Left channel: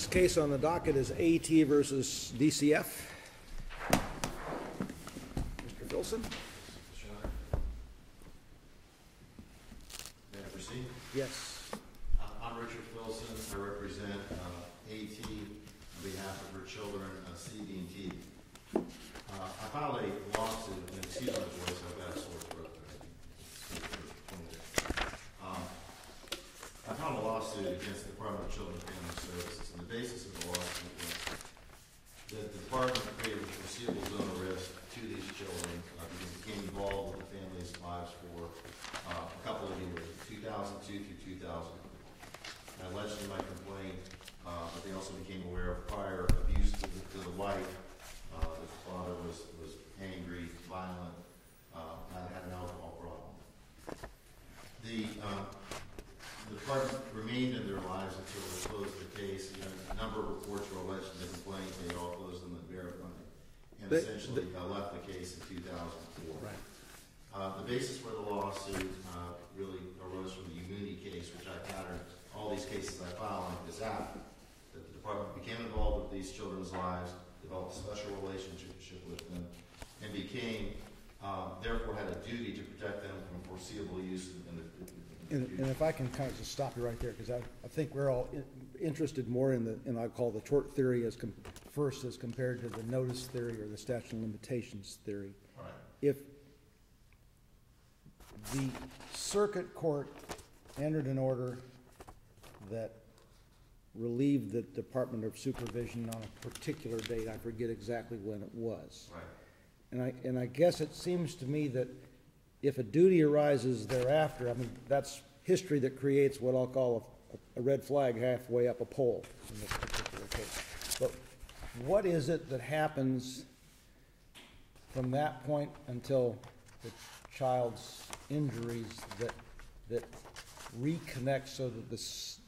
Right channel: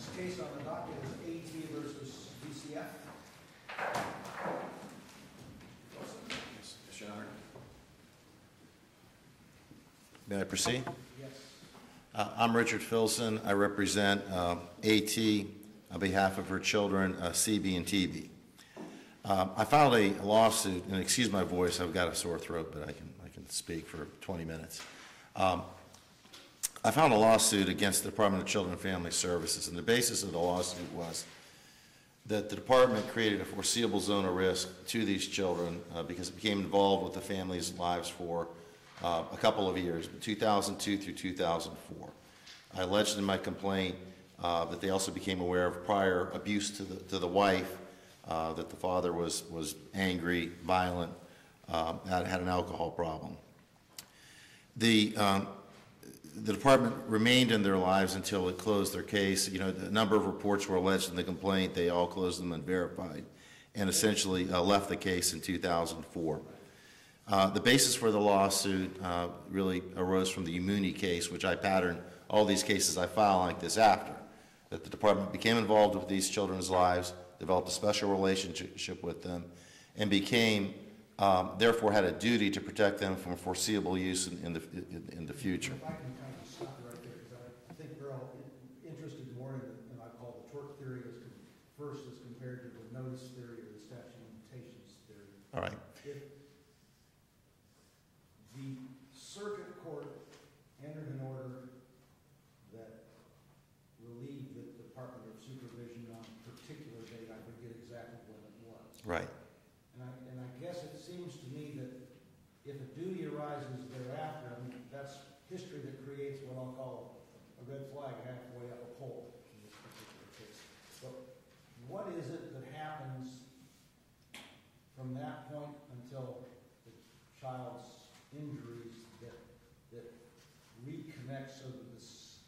Next case on the docket is AT versus DCF. Mr. Filson? Yes, Your Honor. May I proceed? Yes. I'm Richard Filson. I represent AT on behalf of her children, CB and TB. I filed a lawsuit, and excuse my voice, I've got a sore throat, but I can speak for 20 minutes. I filed a lawsuit against the Department of Children and Family Services, and the basis of the lawsuit was that the department created a foreseeable zone of risk to these children because it became involved with the families' lives for a couple of years, 2002 through 2004. I alleged in my complaint that they also became aware of prior abuse to the wife, that the father was angry, violent, had an alcohol problem. The department remained in their lives until it closed their case. You know, a number of reports were alleged in the complaint. They all closed them and verified, and essentially left the case in 2004. Right. The basis for the lawsuit really arose from the Umuni case, which I patterned all these cases I file like this after. That the department became involved with these children's lives, developed a special relationship with them, and became, therefore had a duty to protect them from foreseeable use in the future. And if I can kind of just stop you right there, because I think we're all interested more in I call the tort theory as compared to the notice theory or the statute of limitations theory. All right. If the circuit court entered an order that relieved the Department of Supervision on a particular date, I forget exactly when it was. Right. And I guess it seems to me that if a duty arises thereafter, I mean, that's history that creates what I'll call a red flag halfway up a pole in this particular case. But what is it that happens from that point until the child's injuries that reconnects so that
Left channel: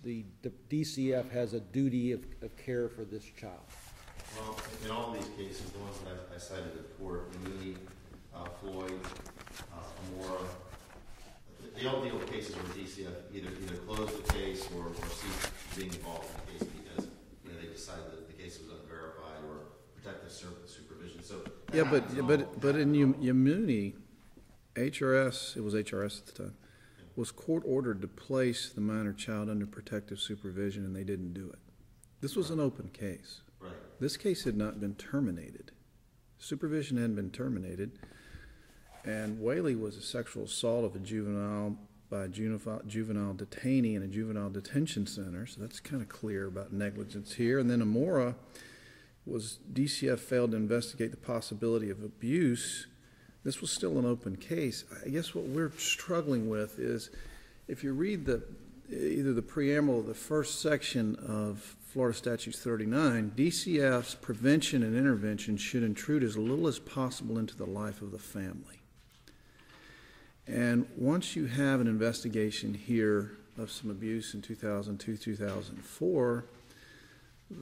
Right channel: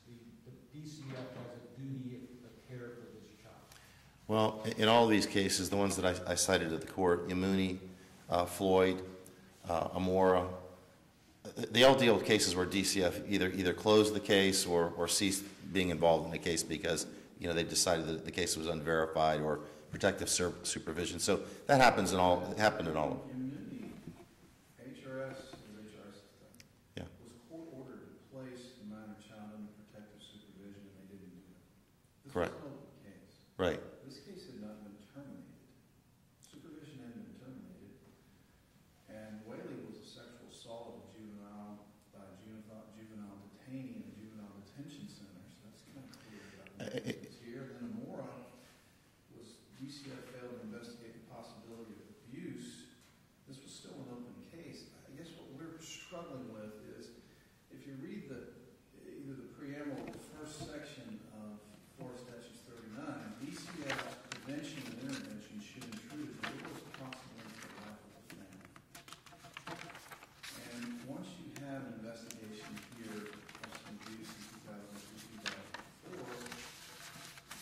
the DCF has a duty of care for this child? Well, in all these cases, the ones that I cited at the court, Umuni, Floyd, Amora, they all deal with cases where DCF either closed the case or ceased being involved in the case because, you know, they decided that the case was unverified or protective supervision. So that happens in all. But in Umuni, HRS, it was HRS at the time, yeah, was court ordered to place the minor child under protective supervision, and they didn't do it. This was right. An open case. Right. This case had not been terminated. Supervision hadn't been terminated. And Whaley was a sexual assault of a juvenile by a juvenile detainee in a juvenile detention center, so that's kind of clear about negligence here. And then Amora was DCF failed to investigate the possibility of abuse. This was still an open case. I guess what we're struggling with is if you read either the preamble or the first section of Florida Statutes 39, DCF's prevention and intervention should intrude as little as possible into the life of the family. And once you have an investigation here of some abuse in 2002, 2004,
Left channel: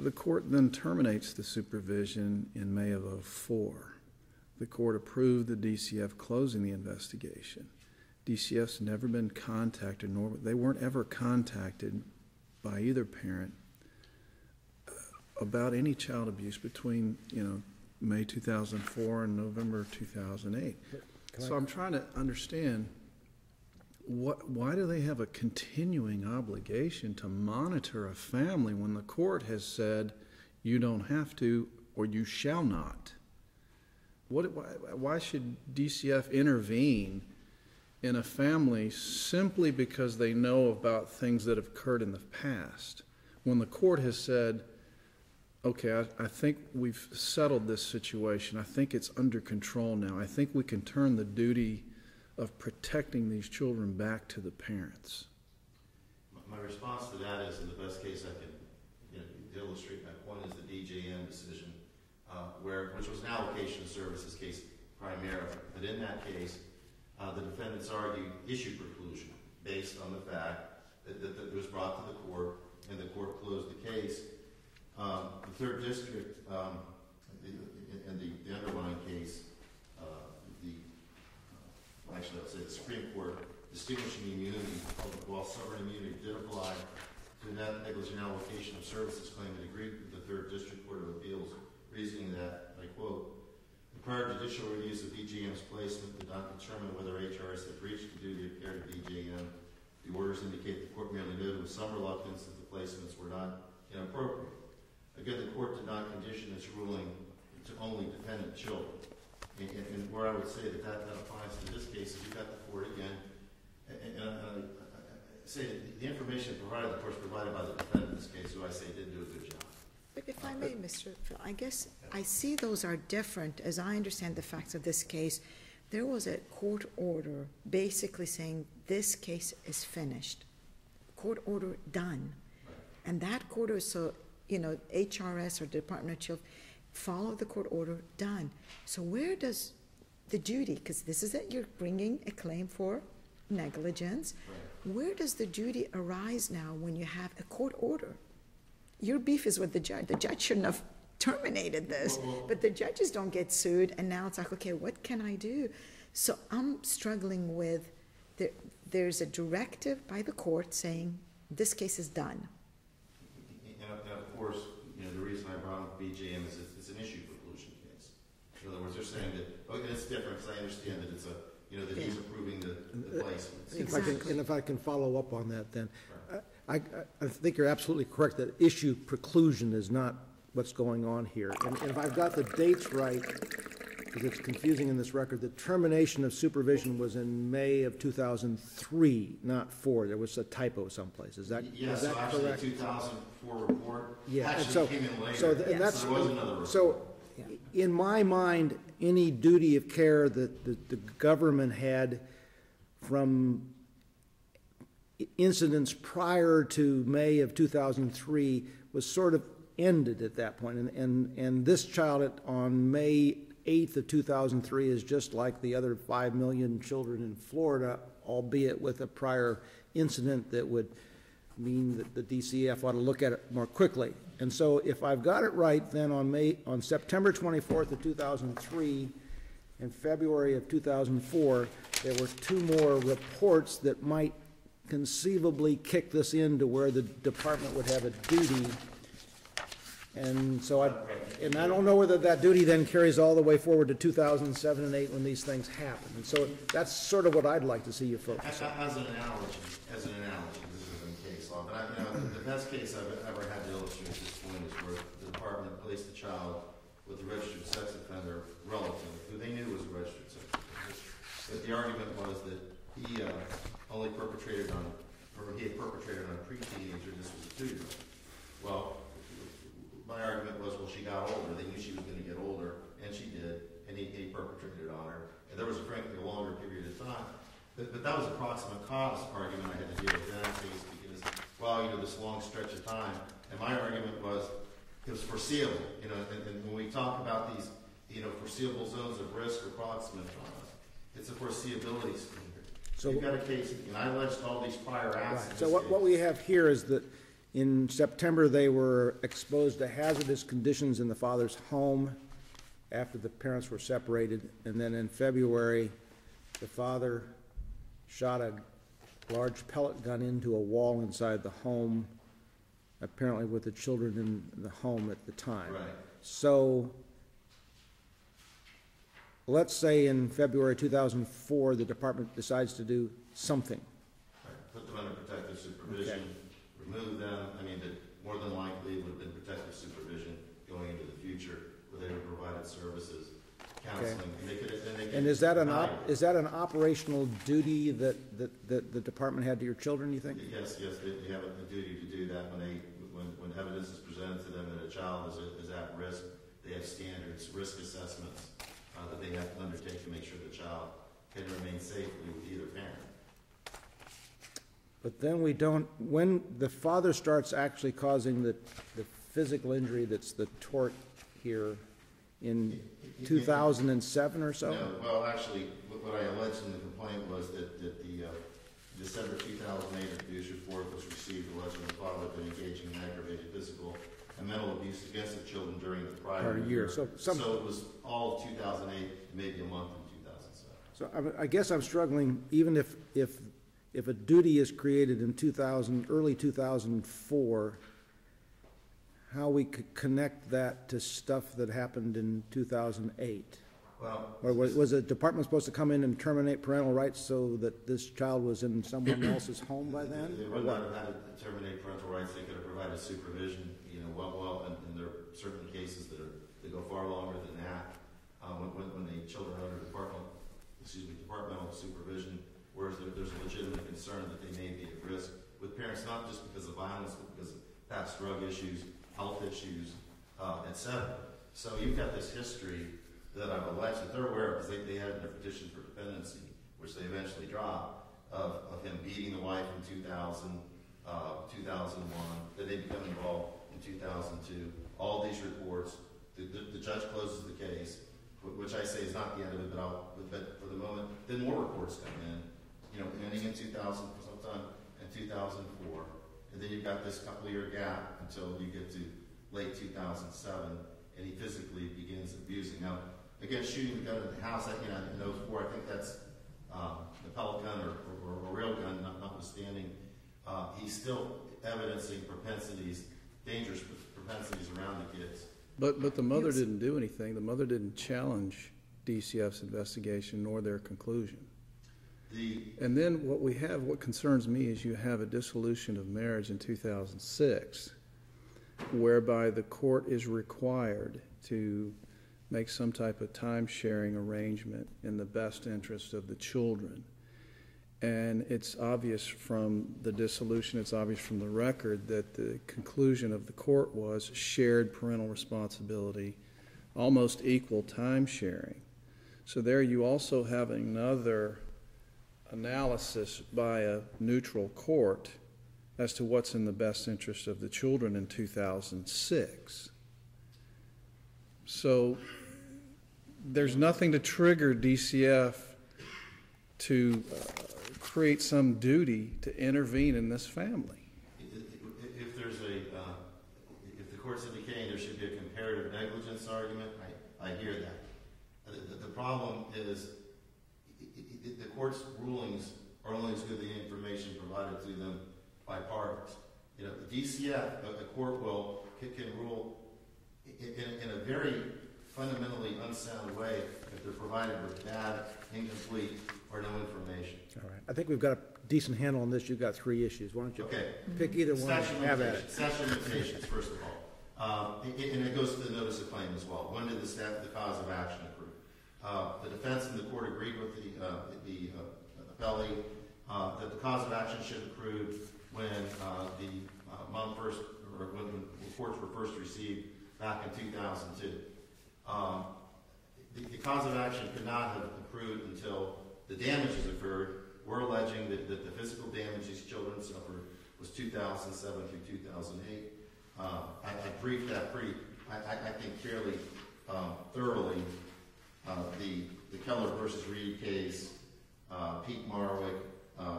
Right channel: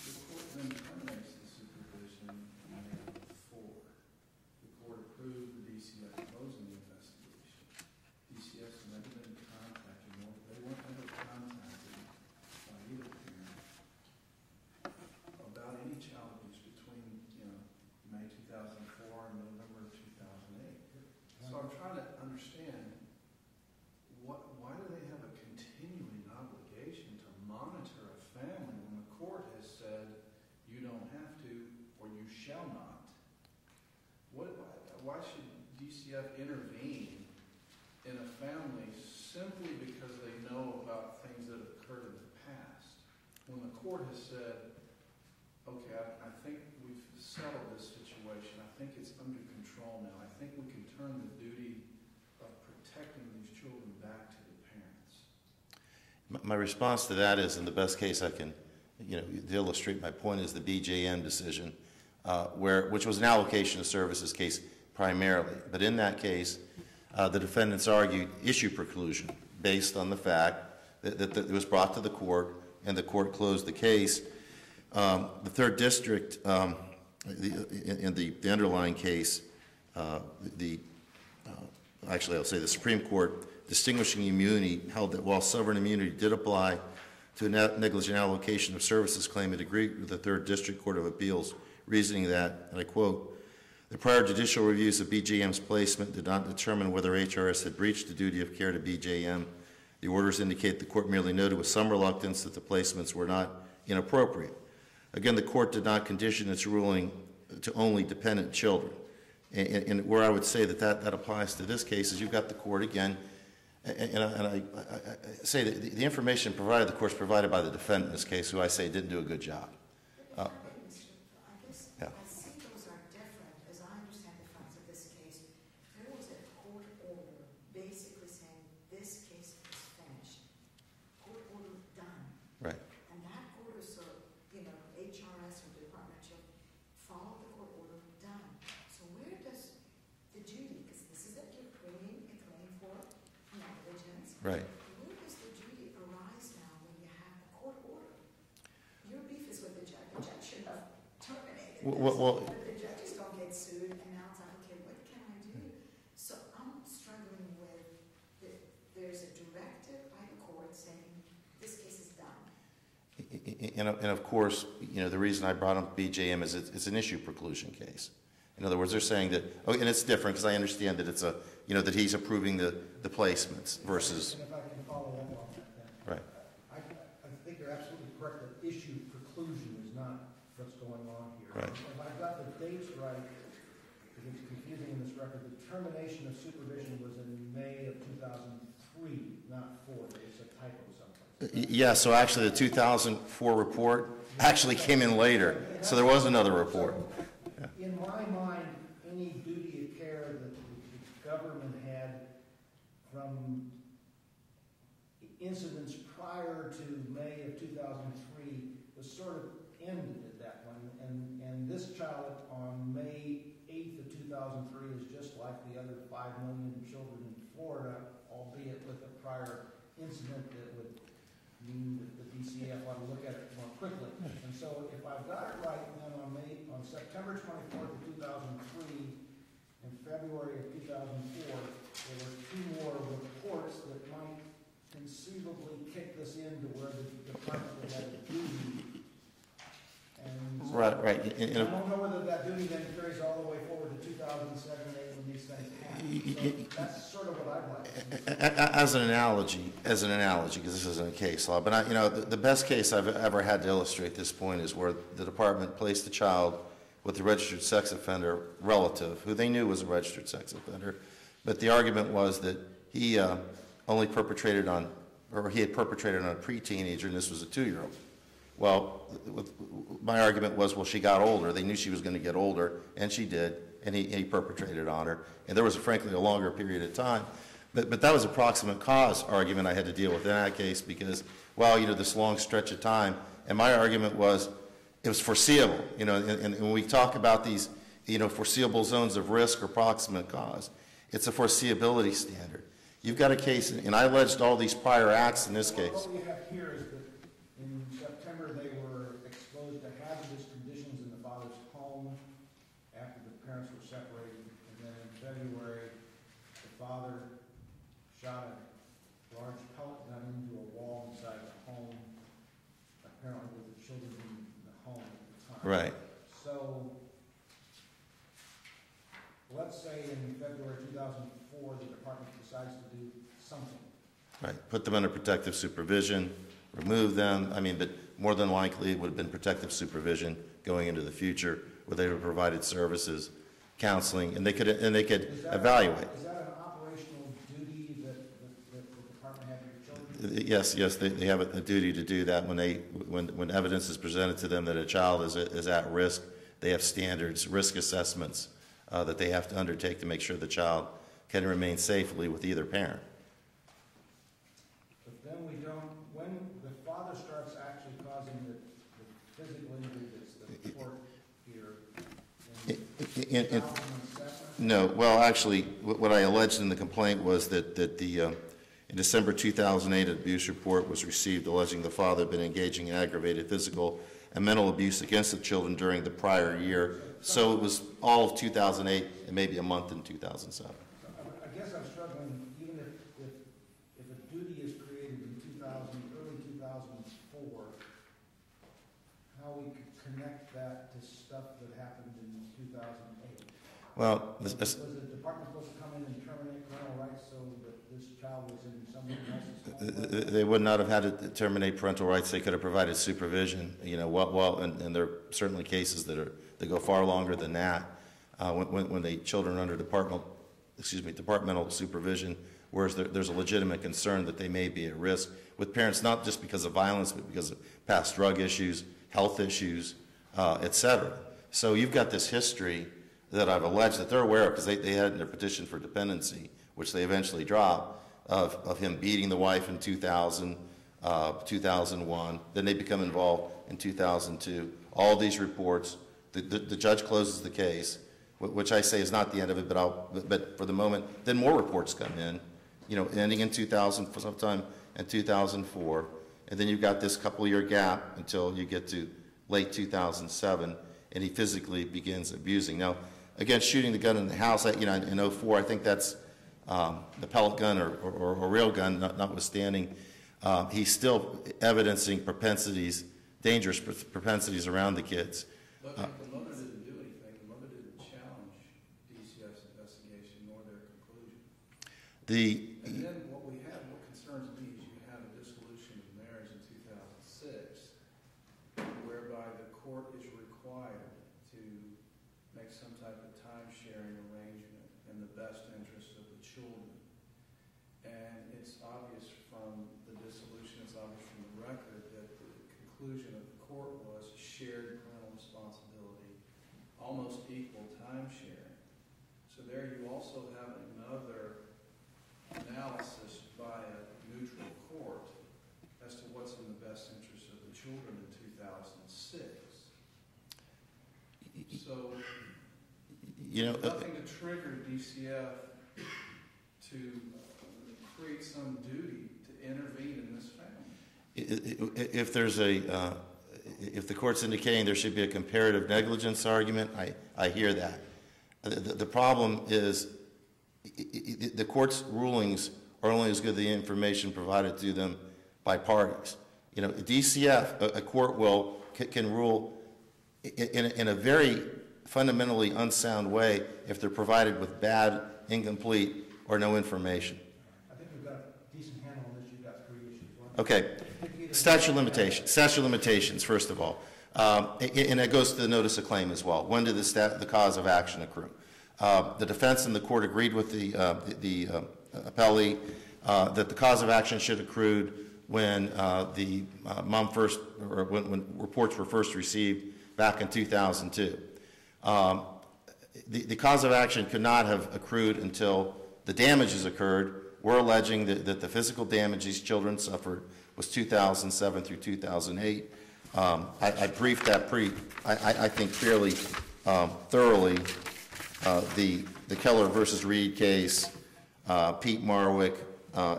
the court then terminates the supervision in May of 2004. The court approved the DCF closing the investigation. DCF's never been contacted, nor they weren't ever contacted by either parent about any child abuse between, you know, May 2004 and November 2008. So I'm trying to understand why do they have a continuing obligation to monitor a family when the court has said you don't have to or you shall not? Why should DCF intervene in a family simply because they know about things that have occurred in the past when the court has said, okay, I think we've settled this situation. I think it's under control now. I think we can turn the duty of protecting these children back to the parents. My response to that is, in the best case I can, you know, to illustrate my point, is the BJN decision, which was an allocation of services case primarily. But in that case, the defendants argued issue preclusion based on the fact that it was brought to the court and the court closed the case. The third district, in the underlying case, actually I'll say the Supreme Court, distinguishing immunity, held that while sovereign immunity did apply to a negligent allocation of services claim and agreed with the Third District Court of Appeals, reasoning that, and I quote, the prior judicial reviews of BJM's placement did not determine whether HRS had breached the duty of care to BJM. The orders indicate the court merely noted with some reluctance that the placements were not inappropriate. Again, the court did not condition its ruling to only dependent children. And where I would say that applies to this case is you've got the court again, and I say that the information provided, of course, provided by the defendant in this case, who I say didn't do a good job. But if I may, Mr. Phil, I guess Yeah. I see those are different. As I understand the facts of this case, there was a court order basically saying this case is finished. Court order done. Right. And that court order, so, HRS or Department of Children, follow the court order, done. So where does the duty, because this is it, you're bringing a claim for negligence. Right. Where does the duty arise now when you have a court order? Your beef is with the judge. The judge shouldn't have terminated this, but the judges don't get sued, and now it's like, okay, what can I do? So I'm struggling with, there's a directive by the court saying this case is done. And of course, the reason I brought up BJM is it's an issue preclusion case. In other words, they're saying that, and it's different because I understand that it's that he's approving the placements versus. And if I can follow up on that then. Right. I think you're absolutely correct that issue preclusion is not what's going on here. And if I've got the dates right, because it's confusing in this record, the termination of supervision was in May of 2003, not 4. There was a typo someplace. Is that? Yeah, so actually the 2004 report actually came in later, so there was another report. So in my mind, any duty of care that the government had from incidents prior to May of 2003 was sort of ended at that point. And this child on May 8th of 2003 is just like the other 5 million children in Florida, albeit with a prior incident that would mean that the DCF ought to look at it more quickly. And so if I've got it right, then on September 24th of 2003 and February of 2004, there were 2 more reports that might conceivably kick this into where the department would have a duty. And so, Right. And I don't know whether that duty then carries all the way forward to 2007 and 8 when these things happen. So that's sort of what I'd like to see you focus. As an analogy, because this isn't a case law, but the best case I've ever had to illustrate this point is where the department placed a child with a registered sex offender relative, who they knew was a registered sex offender, but the argument was that he only perpetrated on, or he had perpetrated on a pre-teenager, and this was a 2-year-old. Well, my argument was, well, she got older. They knew she was going to get older, and she did, and he perpetrated on her. And there was, frankly, a longer period of time. But that was a proximate cause argument I had to deal with in that case because, well, this long stretch of time. And my argument was it was foreseeable. And when we talk about these, foreseeable zones of risk or proximate cause, it's a foreseeability standard. So you've got a case, and I alleged all these prior acts in this case. What we have here is that in September, they were exposed to hazardous conditions in the father's home after the parents were separated. And then in February, the father shot a large pellet gun into a wall inside the home, apparently with the children in the home at the time. Right. So let's say in February 2004, the department decides to do something. Right. Put them under protective supervision. Remove them, but more than likely it would have been protective supervision going into the future where they would have provided services, counseling, and they could evaluate. Is that an operational duty that the department had to your children, you think? Yes, they have a duty to do that when evidence is presented to them that a child is at risk. They have standards, risk assessments that they have to undertake to make sure the child can remain safely with either parent. But then when the father starts actually causing the physical injury that's the tort here in 2007 or so? No, well, actually, what I alleged in the complaint was that in December 2008, an abuse report was received alleging the father had been engaging in aggravated physical and mental abuse against the children during the prior year. So it was all of 2008 and maybe a month in 2007. So I guess I'm struggling, even if if a duty is created in early 2004, how we could connect that to stuff that happened in 2008? Well, Or was the department supposed to come in and terminate parental rights so that this child was in someone else's home by then? they would not have had to terminate parental rights. They could have provided supervision, and there are certainly cases that go far longer than that, when the children are under departmental supervision, whereas there's a legitimate concern that they may be at risk with parents, not just because of violence, but because of past drug issues, health issues, et cetera. So you've got this history that I've alleged that they're aware of, because they had in their petition for dependency, which they eventually dropped, of him beating the wife in 2000, 2001. Then they become involved in 2002. All these reports, the judge closes the case, which I say is not the end of it, but for the moment, then more reports come in, ending in 2000, sometime in 2004, and then you've got this couple-year gap until you get to late 2007, and he physically begins abusing. Now, again, shooting the gun in the house, in 2004, I think that's the pellet gun or real gun, notwithstanding. He's still evidencing dangerous propensities around the kids. But the mother didn't do anything. The mother didn't challenge DCF's investigation nor their conclusion. And then what concerns me is you have a dissolution of marriage in 2006, whereby the court is required to make some type of time-sharing arrangement in the best interest of the children. And it's obvious from the dissolution, it's obvious from the record that the conclusion of the court was shared parental responsibility, almost equal time-sharing. So there you also have another analysis by a neutral court as to what's in the best interest of the children in 2006. So there's nothing to trigger DCF to create some duty to intervene in this family. If the court's indicating there should be a comparative negligence argument, I hear that. The problem is the court's rulings are only as good as the information provided to them by parties. DCF, a court can rule in a very fundamentally unsound way if they're provided with bad, incomplete, or no information. All right. I think we've got a decent handle on this. You've got three issues. Why don't you Okay. pick either one? Statute of limitations, first of all. And it goes to the notice of claim as well. When did the cause of action accrue? The defense and the court agreed with the appellee that the cause of action should accrued when the mom first, or when reports were first received back in 2002. The cause of action could not have accrued until the damages occurred. We're alleging that the physical damage these children suffered was 2007 through 2008. I briefed that I think fairly thoroughly. The Keller versus Reed case, Pete Marwick,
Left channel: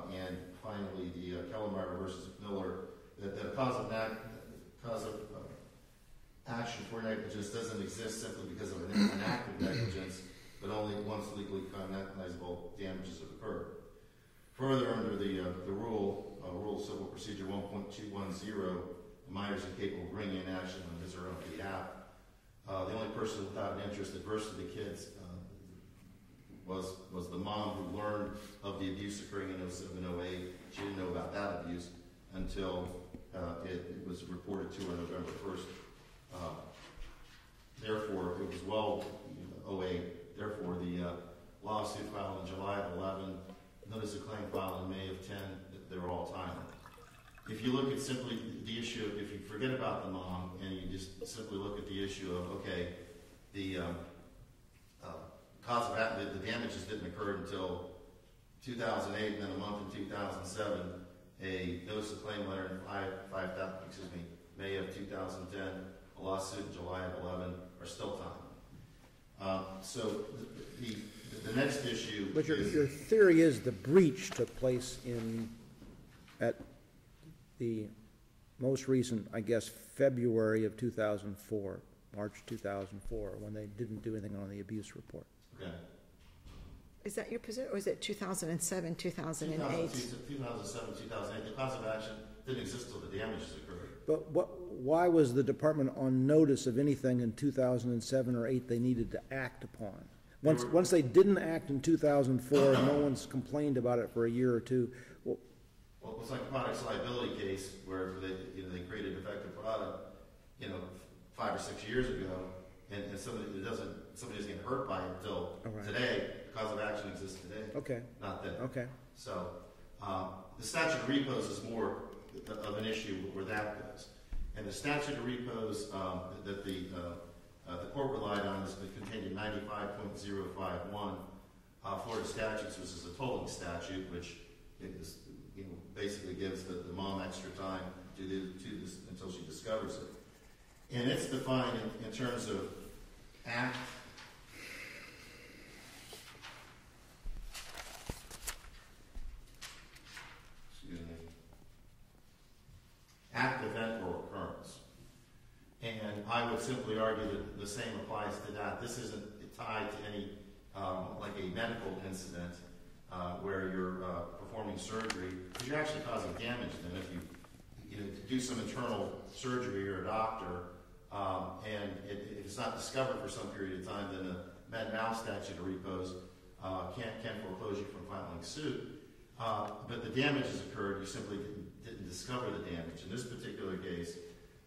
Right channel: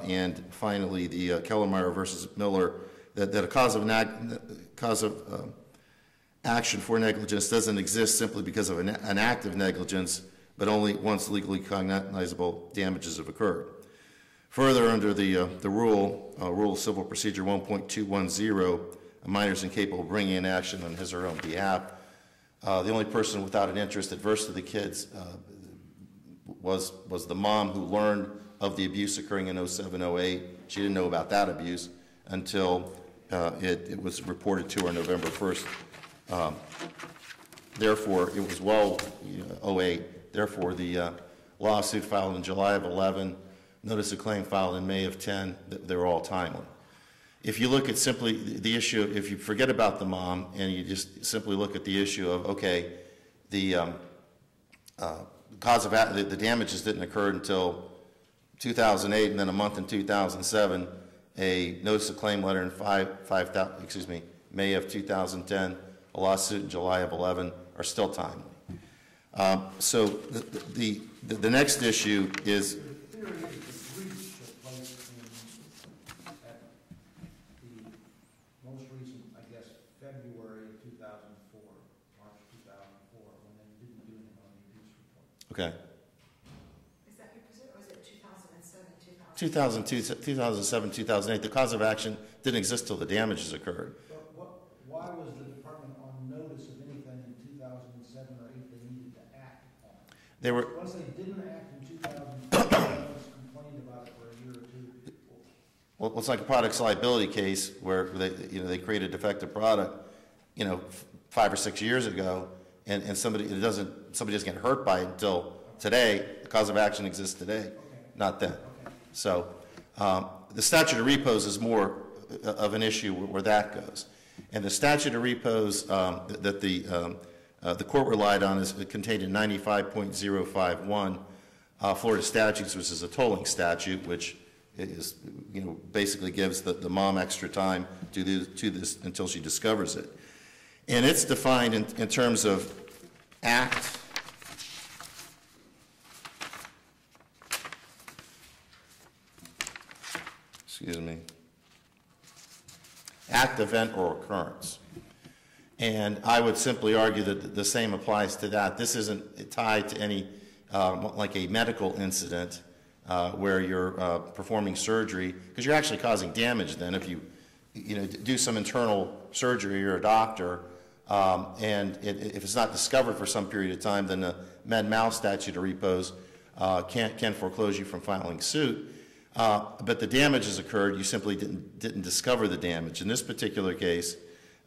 and finally the Kellermeyer versus Miller, that a cause of action for negligence doesn't exist simply because of an act of negligence, but only once legally cognizable damages have occurred. Further, under the rule of Civil Procedure 1.210, a minor is incapable of bringing an action on his or her own behalf. The only person without an interest adverse to the kids was the mom, who learned of the abuse occurring in 07-08. She didn't know about that abuse until it was reported to her November 1st. Therefore, it was 08. Therefore, the lawsuit filed in July of 11, notice of claim filed in May of 10, they were all timely. If you look at simply the issue, if you forget about the mom and you just simply look at the issue of, okay, the cause of the damages didn't occur until 2008, and then a month in 2007, a notice of claim letter in May of 2010, a lawsuit in July of 11 are still timely. So the next issue is... Your theory is the breach took place at the most recent, I guess, February of 2004, March 2004, when they didn't do anything on the abuse report. Okay. Is that your position, or is it 2007, 2008? 2007, 2008, the cause of action didn't exist till the damages occurred. But why was the department on notice of anything in 2007 or 8 they needed to act upon? Once they didn't act in 2004, no one's complained about it for a year or two. Well, it's like a products liability case where they create a defective product, 5 or 6 years ago, and somebody doesn't get hurt by it until today. The cause of action exists today. Okay. Not then. Okay. So the statute of repose is more of an issue where that goes. And the statute of repose that the court relied on is contained in 95.051 Florida statutes, which is a tolling statute, which is basically gives the mom extra time to this until she discovers it. And it's defined in terms of act. Excuse me. Act, event, or occurrence. And I would simply argue that the same applies to that. This isn't tied to any, like a medical incident where you're performing surgery, because you're actually causing damage then if you do some internal surgery, you're a doctor, and if it's not discovered for some period of time, then the Med-Mal statute of repose can foreclose you from filing suit. But the damage has occurred, you simply didn't discover the damage. In this particular case,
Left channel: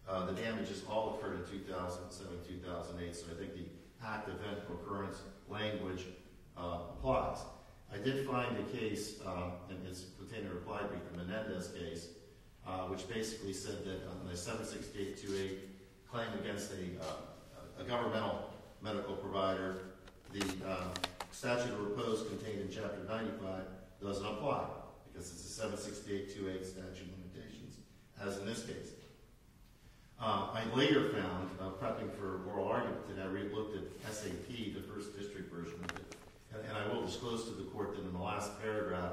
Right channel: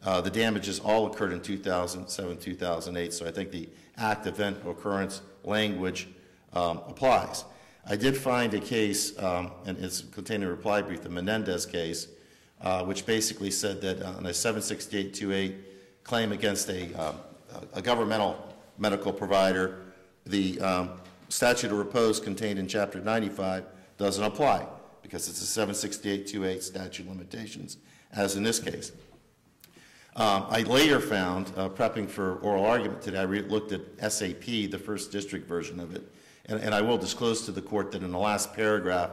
the damages all occurred in 2007, 2008, so I think the act, event, occurrence language applies. I did find a case, and it's contained in a reply brief, the Menendez case, which basically said that on a 76828 claim against a governmental medical provider, the statute of repose contained in Chapter 95 doesn't apply because it's a 76828 statute limitations, as in this case. I later found, prepping for oral argument today, I looked at SAP, the first district version of it, and I will disclose to the court that in the last paragraph,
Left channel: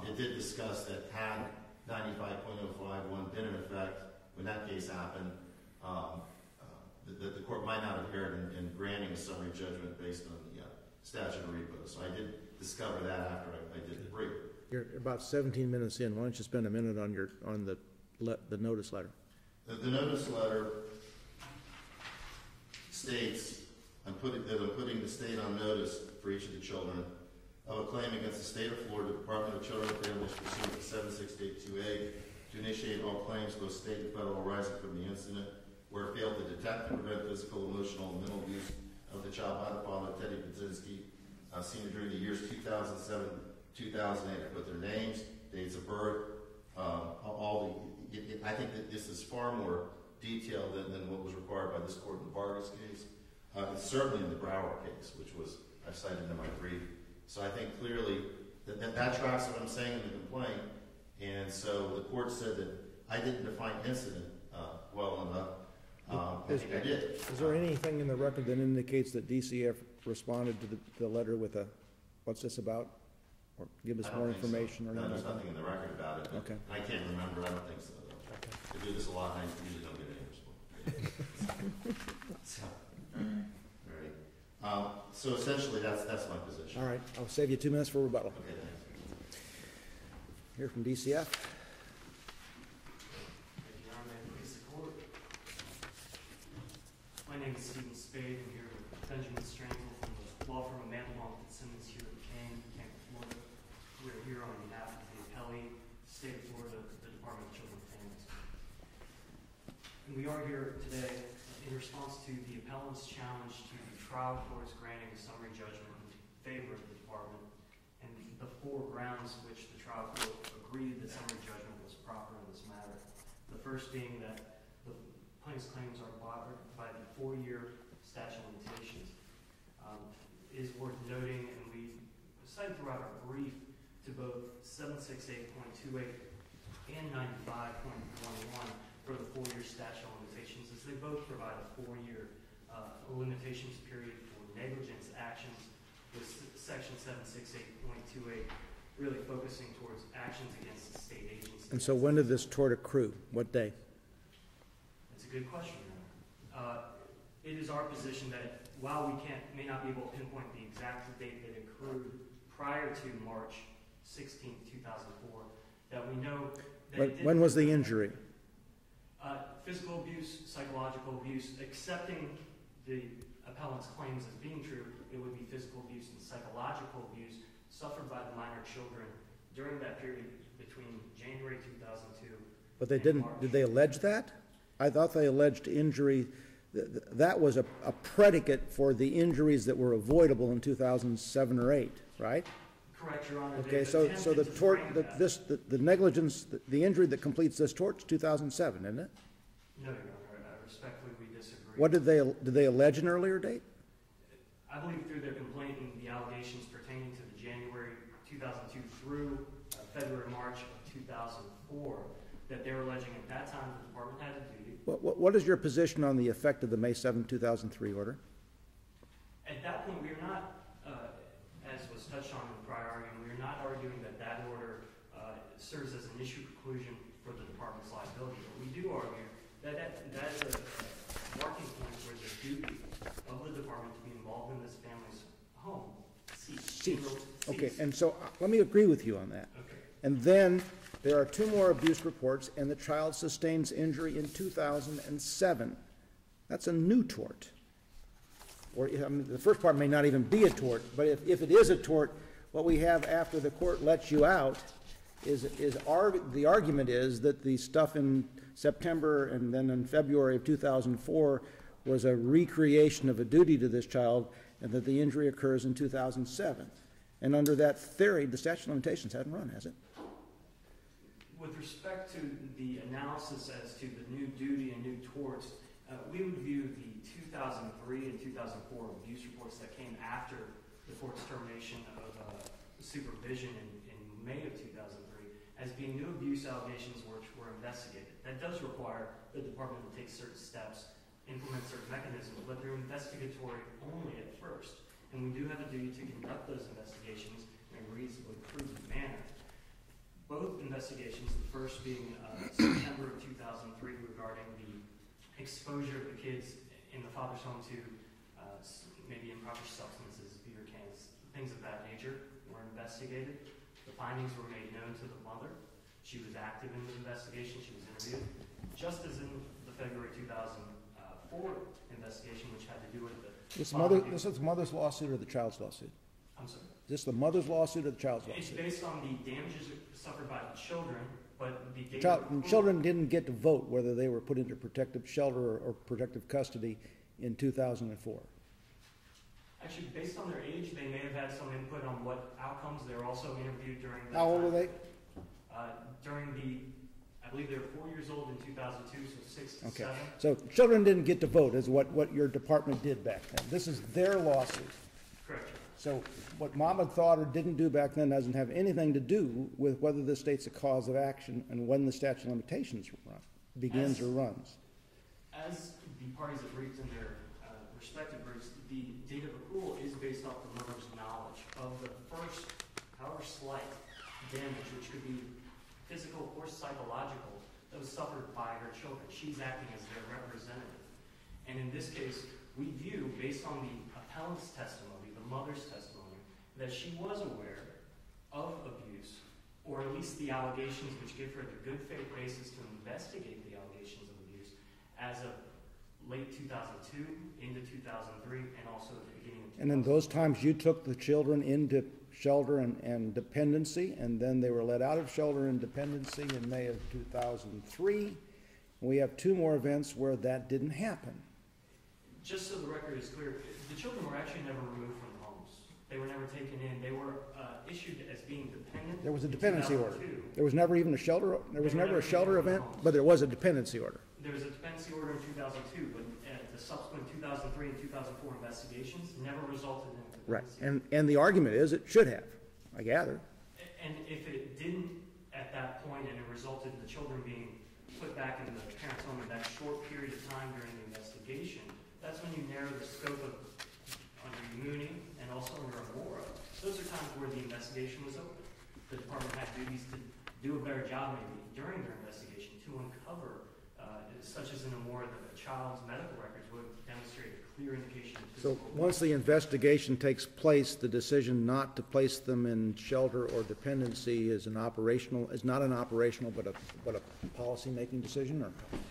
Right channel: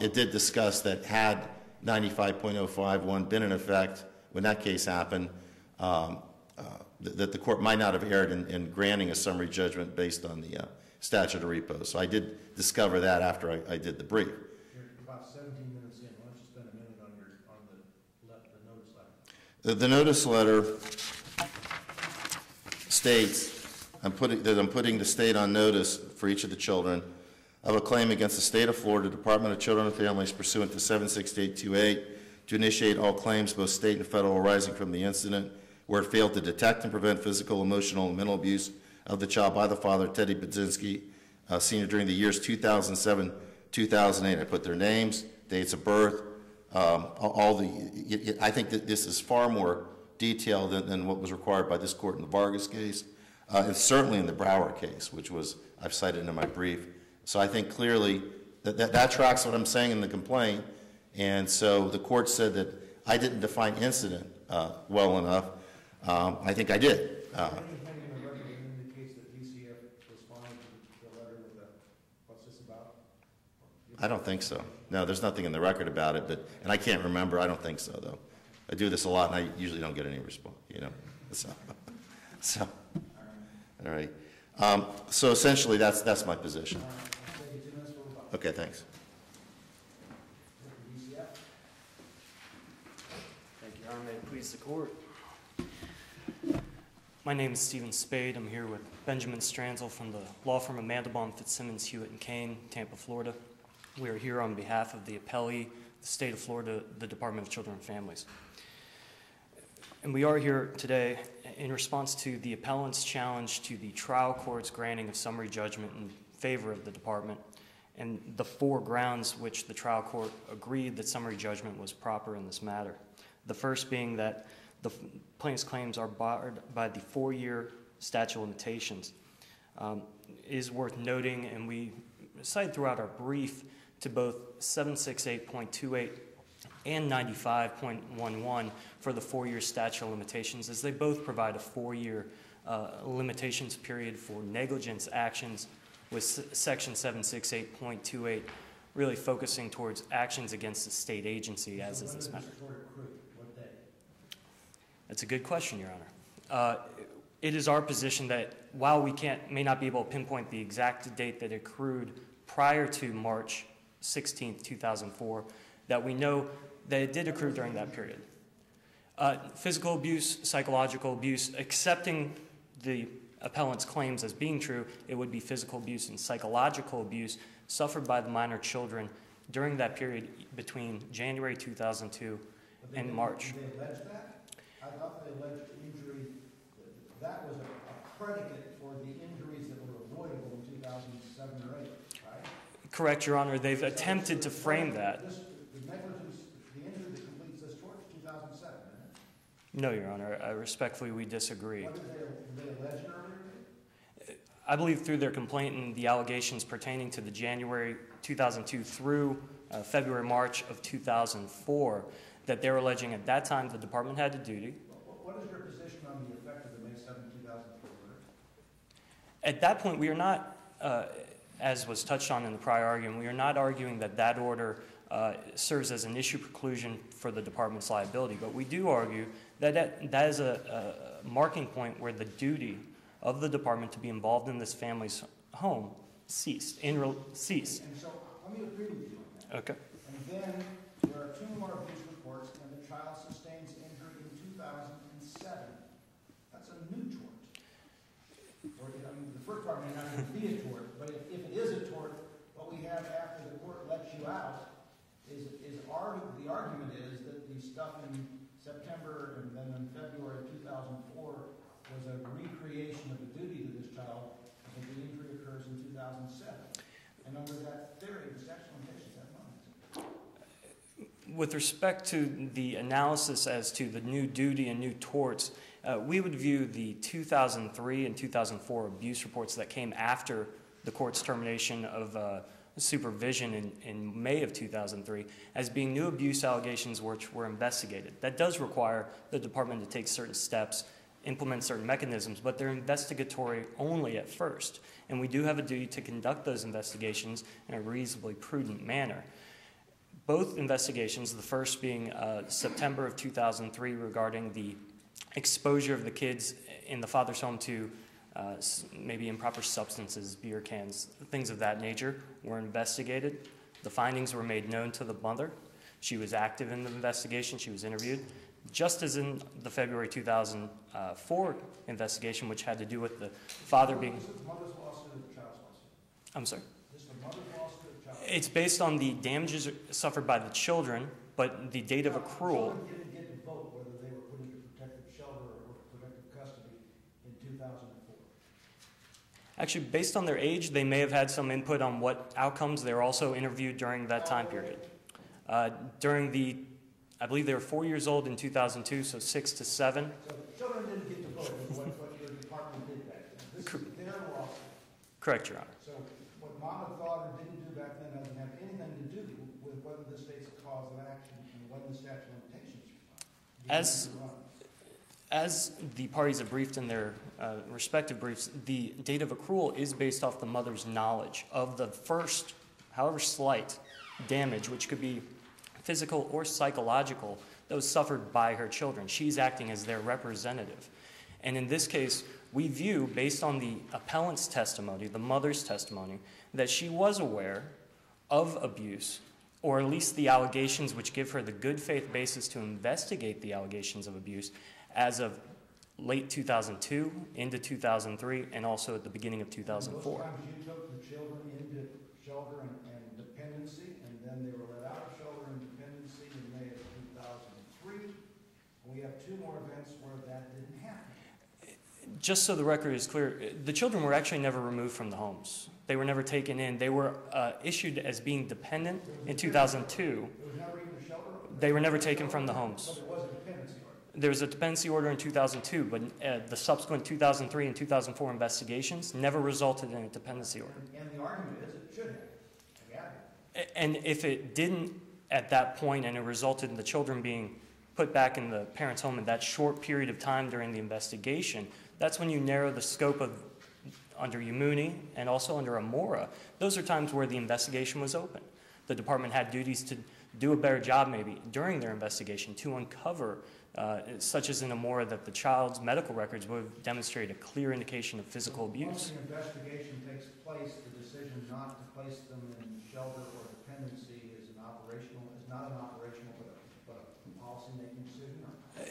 it did discuss that had 95.051 been in effect when that case happened, that the court might not have erred in granting a summary judgment based on the statute of repose. So I did discover that after I did the brief. You're about 17 minutes in. Why don't you spend a minute on the notice letter? The notice letter states that I'm putting the state on notice for each of the children of a claim against the State of Florida Department of Children and Families pursuant to 76828 to initiate all claims, both state and federal, arising from the incident where it failed to detect and prevent physical, emotional, and mental abuse of the child by the father, Teddy Budzinski, Sr., during the years 2007, 2008. I put their names, dates of birth, I think that this is far more detailed than what was required by this court in the Vargas case, and certainly in the Brower case, which I've cited in my brief. So I think clearly that tracks what I'm saying in the complaint, and so the court said that I didn't define incident well enough. I think I did. Is there anything in the record that indicates that DCF responded to the letter with a, what's this about? Or give us I don't more think so. information No, there's nothing in the record about it, but Okay. and I can't remember. I don't think so, though. I do this a lot, and I usually don't get any response, So, all right. So essentially, that's my position. All right, I'll save you 2 minutes for rebuttal. Okay, thanks. Here from DCF. Thank you, Your Honor. May it please the court. My name is Stephen Spade. I'm here with Benjamin Stranzel from the law firm of Mandelbaum, Fitzsimmons, Hewitt & Kane, Tampa, Florida. We are here on behalf of the appellee, the State of Florida, the Department of Children and Families. And we are here today in response to the appellant's challenge to the trial court's granting of summary judgment in favor of the department and the 4 grounds which the trial court agreed that summary judgment was proper in this matter. The first being that the plaintiff's claims are barred by the 4-year statute of limitations. It is worth noting, and we cite throughout our brief, to both 768.28 and 95.11 for the 4-year statute of limitations, as they both provide a 4-year limitations period for negligence actions, with section 768.28 really focusing towards actions against the state agency. And so when did this tort accrue? What day? That's a good question, Your Honor. It is our position that while we may not be able to pinpoint the exact date that accrued prior to March 16th, 2004, that we know that it did When accrue was the during that injury? period. Physical abuse, psychological abuse, accepting the appellant's claims as being true, it would be physical abuse and psychological abuse suffered by the minor children during that period between January 2002 But they and didn't, March. did they allege that? I thought they alleged injury, that was a predicate for the injuries that were avoidable in 2007 or 8, right? Correct, Your Honor. They've Okay, so attempted the to tort- frame that. The negligence, the injury that completes this tort is 2007, isn't it? No, Your Honor. Respectfully, we disagree. What did they allege an earlier date? I believe through their complaint and the allegations pertaining to the January 2002 through February, March of 2004, that they're alleging at that time the department had a duty. What is your position on the effect of the May 7, 2003 order? At that point, we are not, as was touched on in the prior argument, we are not arguing that that order serves as an issue preclusion for the department's liability, but we do argue that that is a marking point where the duty of the department to be involved in this family's home ceased. Okay, and so let me agree with you on that. Okay. And then there are 2 more abuse reports, and the child sustains injury in 2007. That's a new tort. Or, I mean, the first part may not even be a tort, but if it is a tort, what we have after the court lets you out is the argument is that the stuff in September and then in February of 2004 was a recreation of a duty to this child, and that the injury occurs in 2007. And under that theory, the statute of limitations hadn't run, has it? With respect to the analysis as to the new duty and new torts, we would view the 2003 and 2004 abuse reports that came after the court's termination of supervision in May of 2003 as being new abuse allegations which were investigated. That does require the department to take certain steps, implement certain mechanisms, but they're investigatory only at first. And we do have a duty to conduct those investigations in a reasonably prudent manner. Both investigations, the first being September of 2003 regarding the exposure of the kids in the father's home to maybe improper substances, beer cans, things of that nature, were investigated. The findings were made known to the mother. She was active in the investigation. She was interviewed. Just as in the February 2004 investigation, which had to do with the father being... Is this the mother's lawsuit or the child's lawsuit? I'm sorry? Is this the mother's lawsuit or the child's lawsuit? It's based on the damages suffered by the children, but the date of accrual... Children didn't get to vote whether they were put into protective shelter or protective custody in 2004. Actually, based on their age, they may have had some input on what outcomes. They were also interviewed during that How time old were period. During the... I believe they were 4 years old in 2002, so 6 to 7. So children didn't get to vote is what your department did back then. This is their lawsuit. Correct, Your Honor. So what mom had thought or didn't do back then doesn't have anything to do with whether the state's a cause of action and when the statute of limitations begins or runs. As the parties have briefed in their respective briefs, the date of accrual is based off the mother's knowledge of the first, however slight, damage, which could be physical or psychological, that was suffered by her children. She's acting as their representative. And in this case, we view, based on the appellant's testimony, the mother's testimony, that she was aware of abuse, or at least the allegations which give her the good faith basis to investigate the allegations of abuse as of late 2002 into 2003 and also at the beginning of 2004. And in those times you took the children into shelter and dependency, and then they were let out of shelter and dependency in May of 2003. We have 2 more events where that didn't happen. Just so the record is clear, the children were actually never removed from the homes. They were never taken in. They were issued as being dependent There was a in dependency 2002. order. There was never even a shelter. They were never taken from the event, homes. But there was a dependency order. There was a dependency order in 2002, but the subsequent 2003 and 2004 investigations never resulted in a dependency order. And the argument is it should have, I gather. And if it didn't at that point and it resulted in the children being put back in the parents' home in that short period of time during the investigation, that's when you narrow the scope of, under Umuni and also under Amora, those are times where the investigation was open. The department had duties to do a better job maybe during their investigation to uncover such as in Amora, that the child's medical records would have demonstrated a clear indication of physical abuse. Once the investigation takes place, the decision not to place them in shelter or dependency is not an operational, but a policy-making decision, or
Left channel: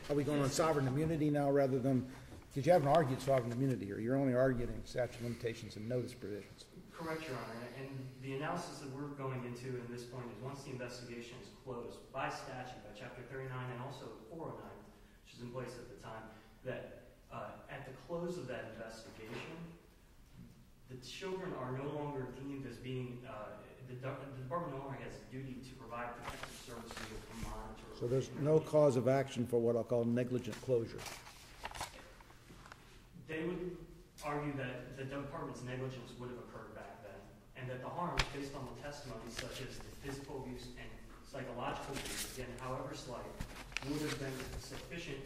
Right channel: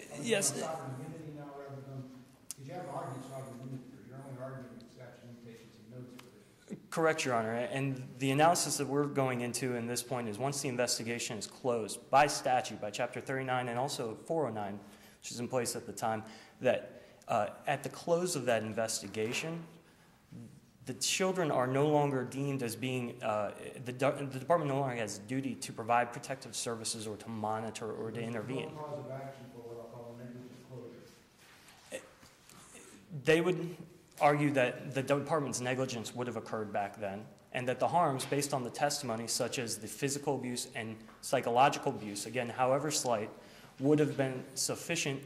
are we going on Yes. sovereign immunity now rather than, because you haven't argued sovereign immunity here, you're only arguing statute of limitations and notice provisions. Correct, Your Honor. And the analysis that we're going into in this point is once the investigation is closed by statute, by Chapter 39 and also 409, which is in place at the time, that at the close of that investigation, the children are no longer deemed as being, the department no longer has a duty to provide protective services or to monitor So or to there's intervene. no cause of action for what I'll call negligent closure. They would argue that the department's negligence would have occurred back then, and that the harms, based on the testimony, such as the physical abuse and psychological abuse, again, however slight, would have been sufficient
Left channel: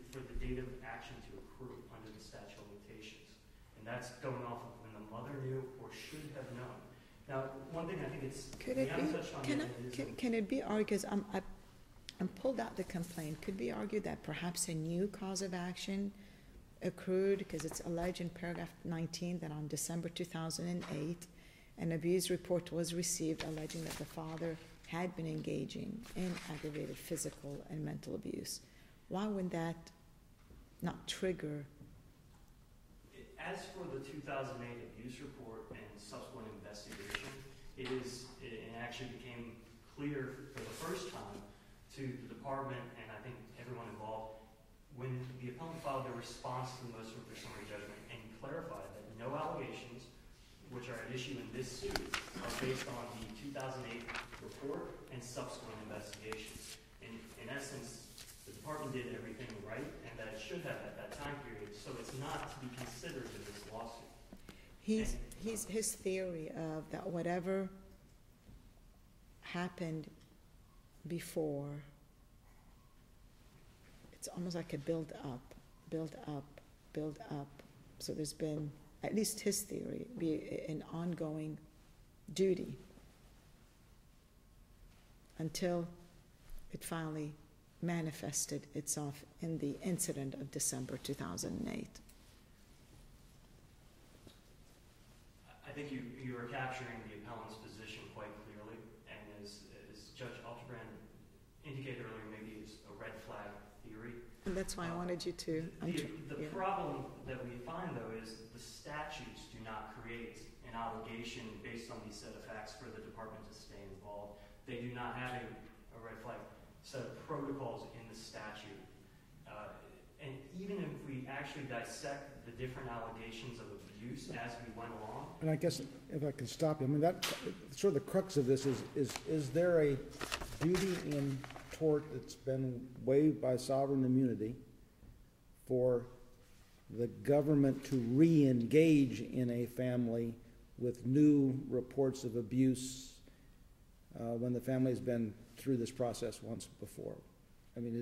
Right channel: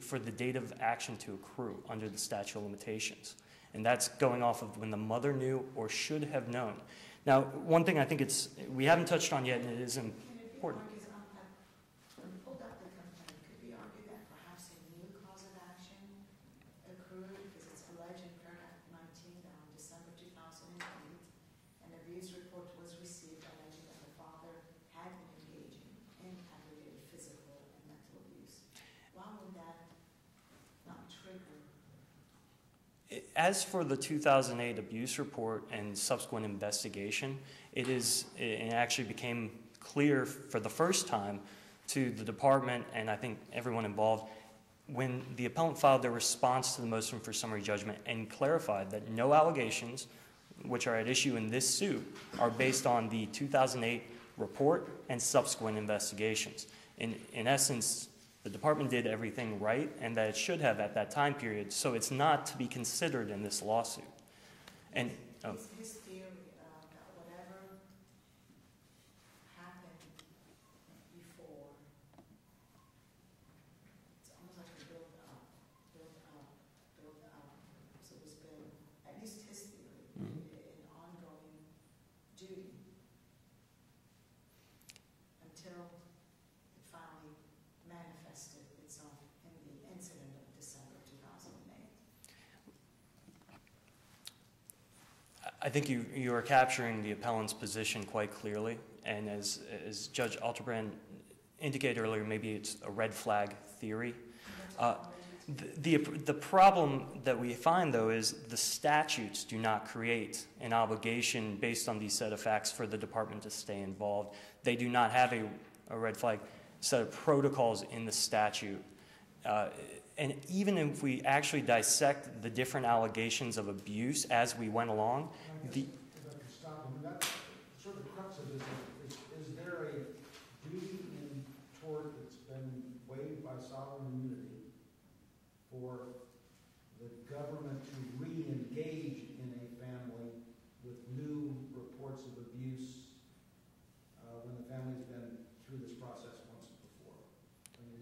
for the date of action to accrue under the statute of limitations. And that's going off of when the mother knew or should have known. Now, one thing I think we haven't touched on yet, and it is in. Can it be argued, because I'm pulled out the complaint, could be argued that perhaps a new cause of action accrued, because it's alleged in paragraph 19 that on December 2008, an abuse report was received alleging that the father had been engaging in aggravated physical and mental abuse. Why would that not trigger? As for the 2008 abuse report and subsequent investigation, it actually became clear for the first time to the department, and I think everyone involved, when the appellant filed their response to the motion for summary judgment and clarified that no allegations, which are at issue in this suit, are based on the 2008 report and subsequent investigations. In essence, the department did everything right, and that it should have at that time period, so it's not to be considered in this lawsuit. His theory of that whatever happened before, it's almost like a build up. So there's been, at least his theory, be an ongoing duty until it finally manifested itself in the incident of December 2008. I think you are capturing the appellant's position quite clearly, and as Judge Alterbrand indicated earlier, maybe it's a red flag theory. And that's why I wanted you to. The problem that we find, though, is the statutes do not create an obligation based on these set of facts for the department to stay involved. They do not have a red flag set of protocols in the statute. And even if we actually dissect the different allegations of abuse as we went along. And I guess, if I could stop you, I mean, that sort of the crux of this is there a duty in tort that's been waived by sovereign immunity for the government to re-engage in a family with new reports of abuse when the family's been through this process once before? I mean,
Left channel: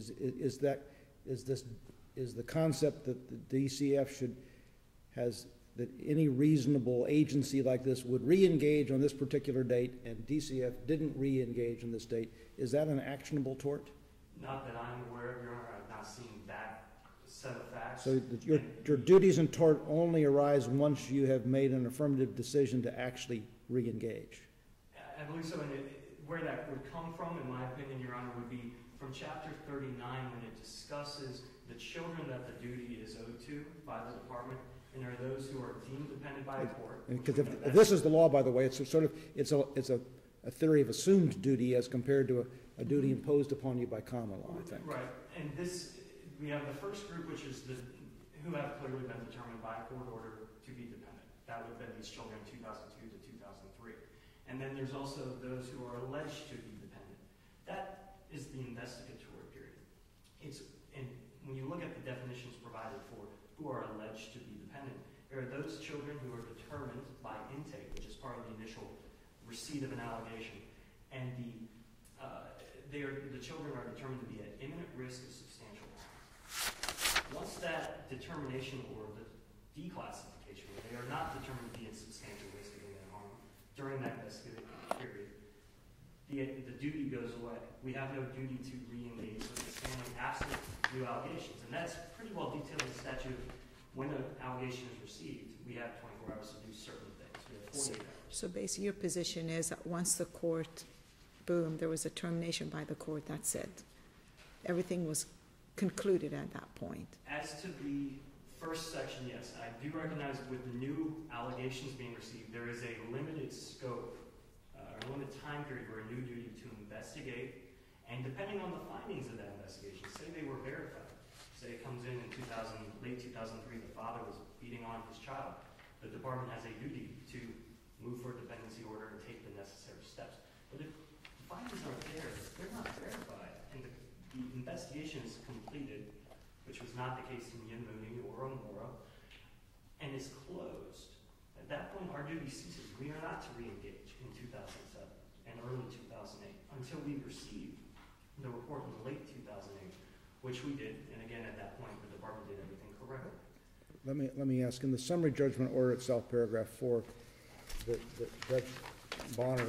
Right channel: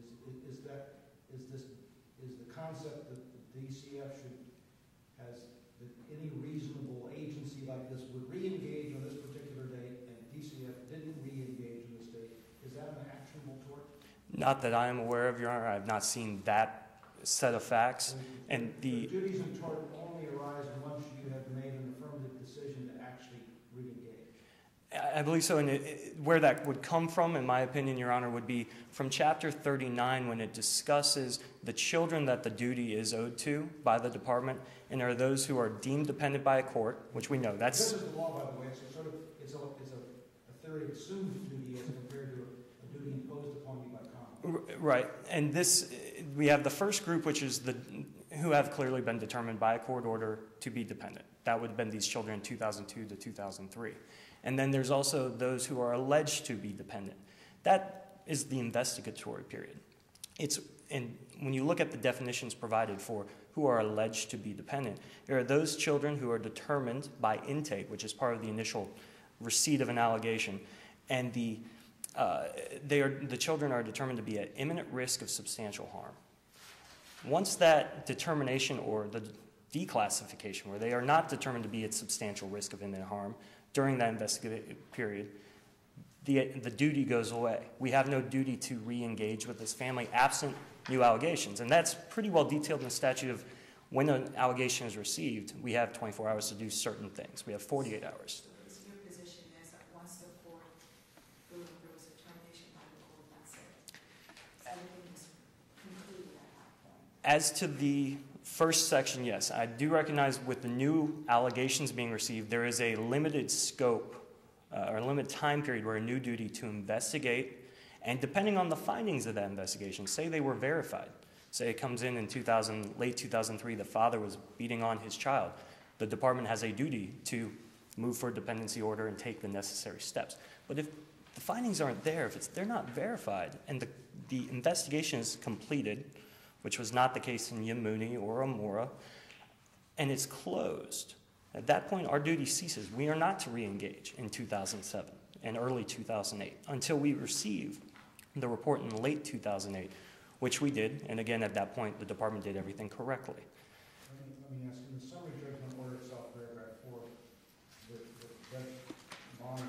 is the concept that the DCF that any reasonable agency like this would re-engage on this particular date and DCF didn't re-engage on this date, is that an actionable tort? Not that I am aware of, Your Honor. I've not seen that set of facts. So your duties in tort only arise once you have made an affirmative decision to actually re-engage. I believe so, and where that would come from, in my opinion, Your Honor, would be from Chapter 39 when it discusses the children that the duty is owed to by the department, and there are those who are deemed dependent by a court, which we know. This is the law, by the way. It's a theory of assumed duty as compared to a duty imposed upon you by common law. Right, and we have the first group, which is who have clearly been determined by a court order to be dependent. That would have been these children in 2002 to 2003. And then there's also those who are alleged to be dependent. That is the investigatory period. And when you look at the definitions provided for who are alleged to be dependent, there are those children who are determined by intake, which is part of the initial receipt of an allegation, and the children are determined to be at imminent risk of substantial harm. Once that determination or the declassification, where they are not determined to be at substantial risk of imminent harm during that investigative period, the duty goes away. We have no duty to re-engage with this family absent new allegations. And that's pretty well detailed in the statute of when an allegation is received, we have 24 hours to do certain things. We have 48 hours. So basically your position is that once the court, boom, there was a termination by the court, that's it. Everything was concluded at that point. As to the first section, yes, I do recognize with the new allegations being received, there is a limited scope or a limited time period where a new duty to investigate, and depending on the findings of that investigation, say they were verified, say it comes in late 2003, the father was beating on his child, the department has a duty to move for a dependency order and take the necessary steps. But if the findings aren't there, if they're not verified, and the investigation is completed, which was not the case in Yamuni or Amora, and it's closed, at that point our duty ceases. We are not to re-engage in 2007 and early 2008 until we receive the report in late 2008, which we did, and again at that point the department did everything correctly. Let me ask, in the summary judgment order itself, paragraph 4, that Judge Bonner,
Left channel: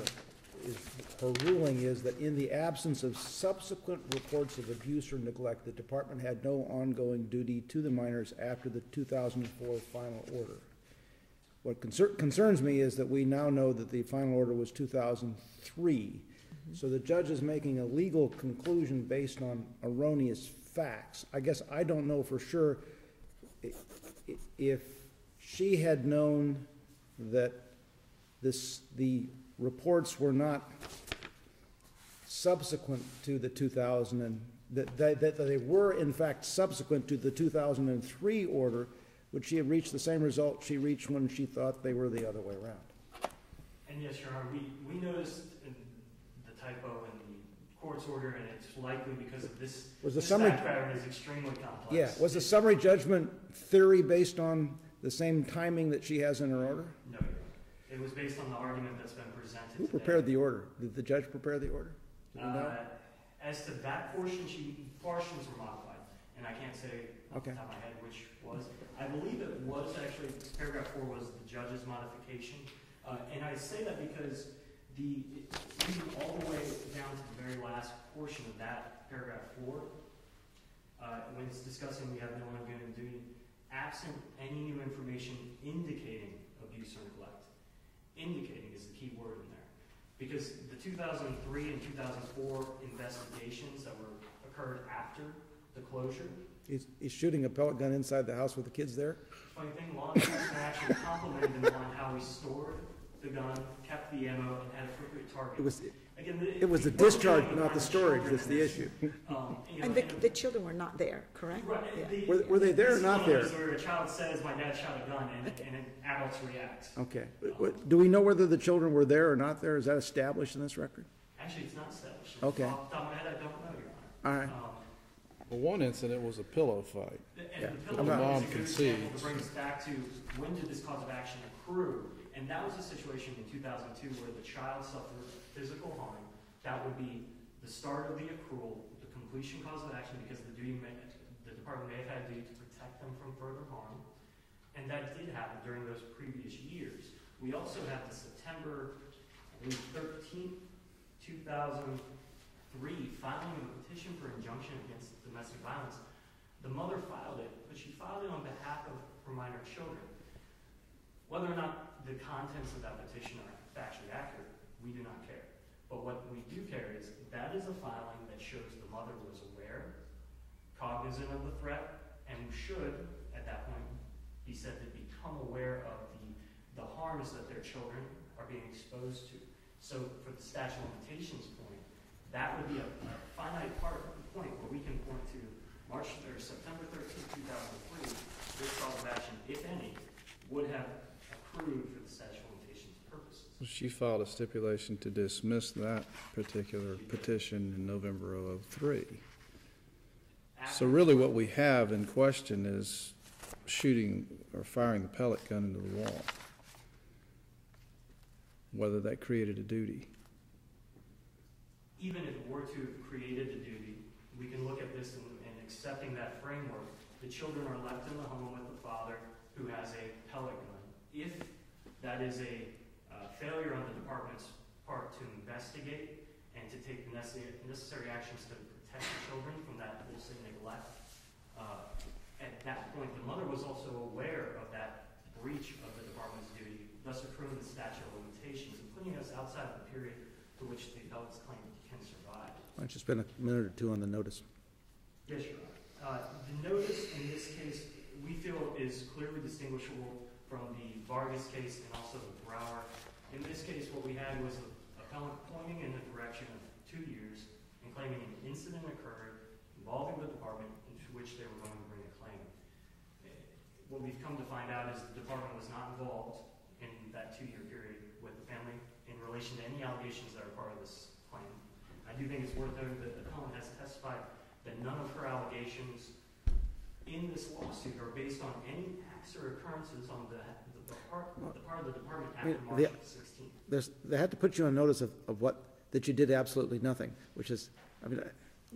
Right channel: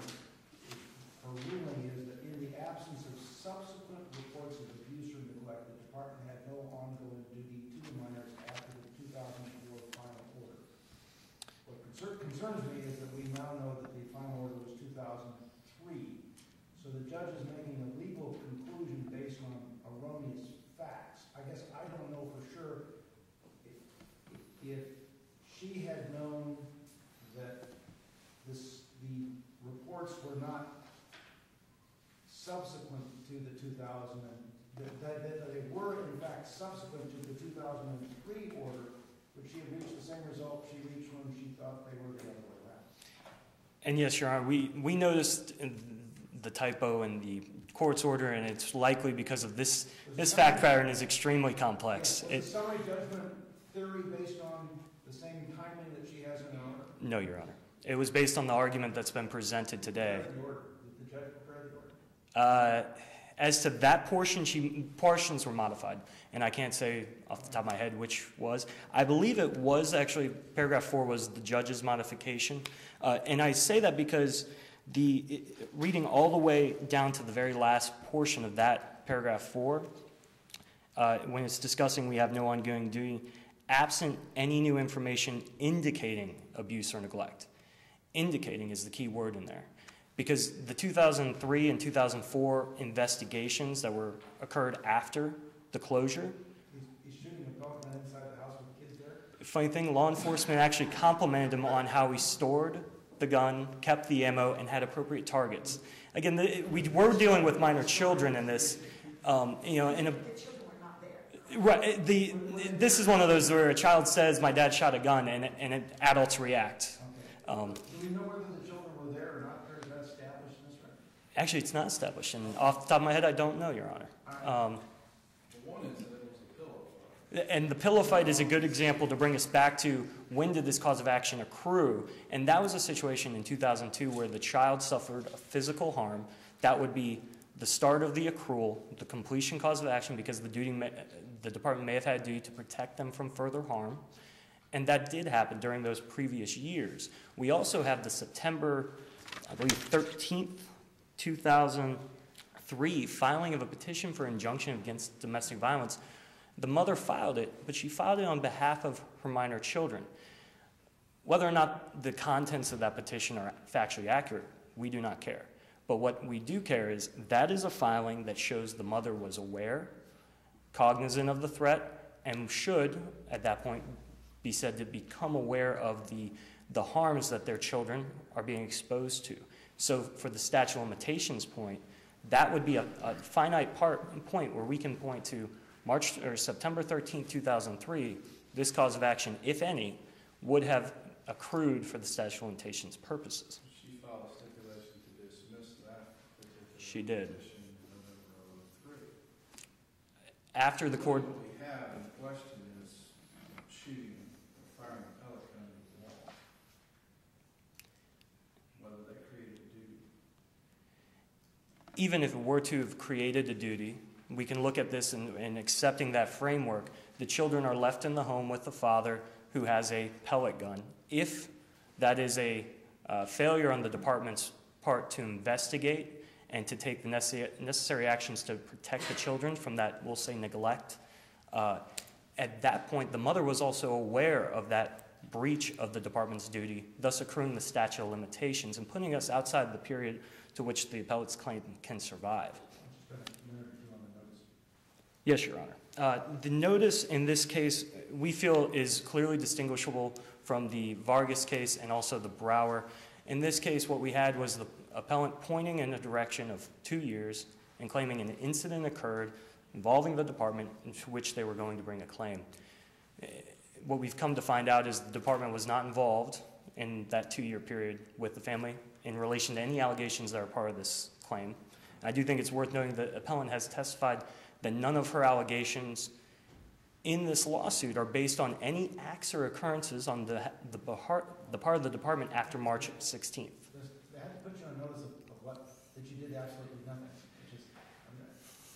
her ruling is that in the absence of subsequent reports of abuse or neglect, the department had no ongoing duty to the minors after the 2004 final order. What concerns me is that we now know that the final order was 2003. So the judge is making a legal conclusion based on erroneous facts. I guess I don't know for sure if she had known that the reports were not subsequent to the 2000 and that they were in fact subsequent to the 2003 order, would she have reached the same result she reached when she thought they were the other way around? And yes, Your Honor, we noticed the typo in the court's order, and it's likely because of this fact pattern is extremely complex. Yeah. Was the summary judgment theory based on the same timing that she has in her order? No, Your Honor. It was based on the argument that's been presented today. Who prepared the order? Did the judge prepare the order? As to that portion, portions were modified, and I can't say off the top of my head which was. I believe it was actually, paragraph 4 was the judge's modification, and I say that because reading all the way down to the very last portion of that paragraph 4, when it's discussing we have no ongoing duty, absent any new information indicating abuse or neglect. Indicating is the key word in there. Because the 2003 and 2004 investigations that occurred after the closure. He's shooting a pellet gun inside the house with the kids there? Funny thing, law enforcement actually complimented him on how he stored the gun, kept the ammo, and had appropriate targets. Again, we're dealing with minor children in this. The children were not there, correct? Right. Were they there? This is one of those where a child says, "My dad shot a gun," and adults react. Okay. Do we know whether the children were there or not there? Is that established in this record? Actually, it's not established. And Okay. off the top of my head, I don't know, Your Honor. All right. Well, one incident was a pillow fight. And the pillow fight is a good example to bring us back to when did this cause of action accrue. And that was a situation in 2002 where the child suffered a physical harm. That would be the start of the accrual, the completion cause of action, because the department may have had a duty to protect them from further harm. And that did happen during those previous years. We also have the September, I believe, 13th, 2003 filing of a petition for injunction against domestic violence. The mother filed it, but she filed it on behalf of her minor children. Whether or not the contents of that petition are factually accurate, we do not care. But what we do care is that is a filing that shows the mother was aware, cognizant of the threat, and should, at that point, be said to become aware of the harms that their children are being exposed to. So for the statute of limitations point, that would be a finite point where we can point to September 13, 2003, this cause of action, if any, would have accrued for the statute of limitations purposes. She filed a stipulation to dismiss that particular petition in November of 2003. So really what we have in question is shooting or firing a pellet gun into the wall. Whether that created a duty. Even if it were to have created a duty, we can look at this and accepting that framework. The children are left in the home with the father who has a pellet gun. If that is a failure on the department's part to investigate and to take the necessary actions to protect the children from that, we'll say, neglect. At that point, the mother was also aware of that breach of the department's duty, thus accruing the statute of limitations and putting us outside the period to which the appellate's claim can survive. I'll just spend a minute or two on the notice. Yes, Your Honor. The notice in this case, we feel, is clearly distinguishable from the Vargas case and also the Brower. In this case, what we had was the appellant pointing in a direction of 2 years and claiming an incident occurred involving the department into which they were going to bring a claim. What we've come to find out is the department was not involved in that 2-year period with the family in relation to any allegations that are part of this claim. I do think it's worth noting that the appellant has testified that none of her allegations in this lawsuit are based on any acts or occurrences on the part of the department after March 16th. They had to put you on notice of that you did absolutely nothing, which is, I mean,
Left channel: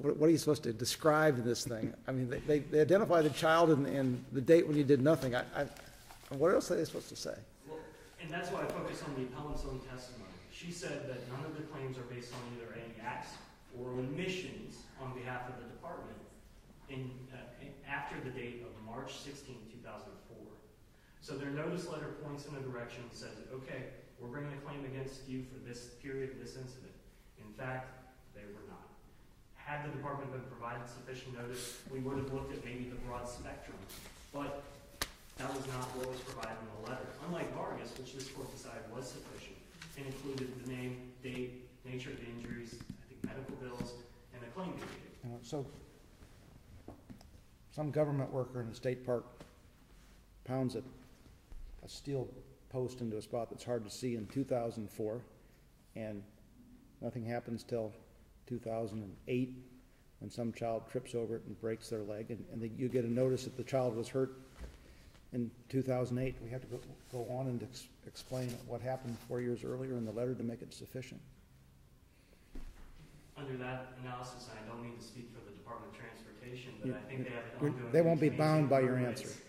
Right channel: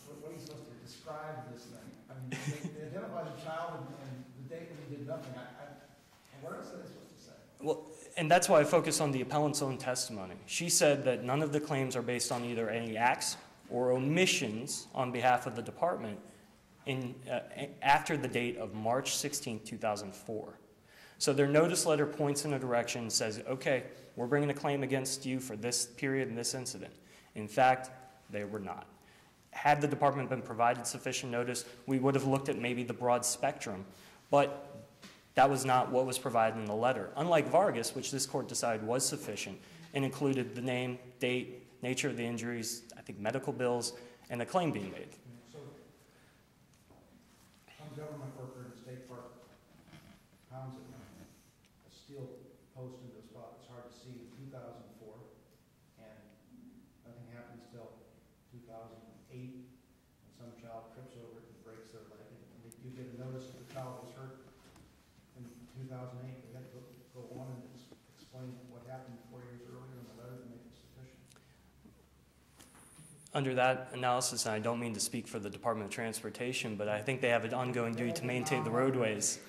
what are you supposed to describe in this thing? I mean, they identify the child and the date when you did nothing. What else are they supposed to say? Well, and that's why I focus on the appellant's own testimony. She said that none of the claims are based on either any acts or omissions on behalf of the department after the date of March 16, 2004. So their notice letter points in a direction and says, okay, we're bringing a claim against you for this period and this incident. In fact, they were not. Had the department been provided sufficient notice, we would have looked at maybe the broad spectrum, but that was not what was provided in the letter. Unlike Vargas, which this court decided was sufficient and included the name, date, nature of the injuries, I think medical bills, and the claim being made. So some government worker in a state park pounds a steel post into a spot that's hard to see in 2004, and nothing happens till 2008 when some child trips over it and breaks their leg, and you get a notice that the child was hurt in 2008. We had to go on and explain what happened 4 years earlier in the letter to make it sufficient. Under that analysis, and I don't mean to speak for the Department of Transportation, but I think they have an ongoing duty to maintain the roadways.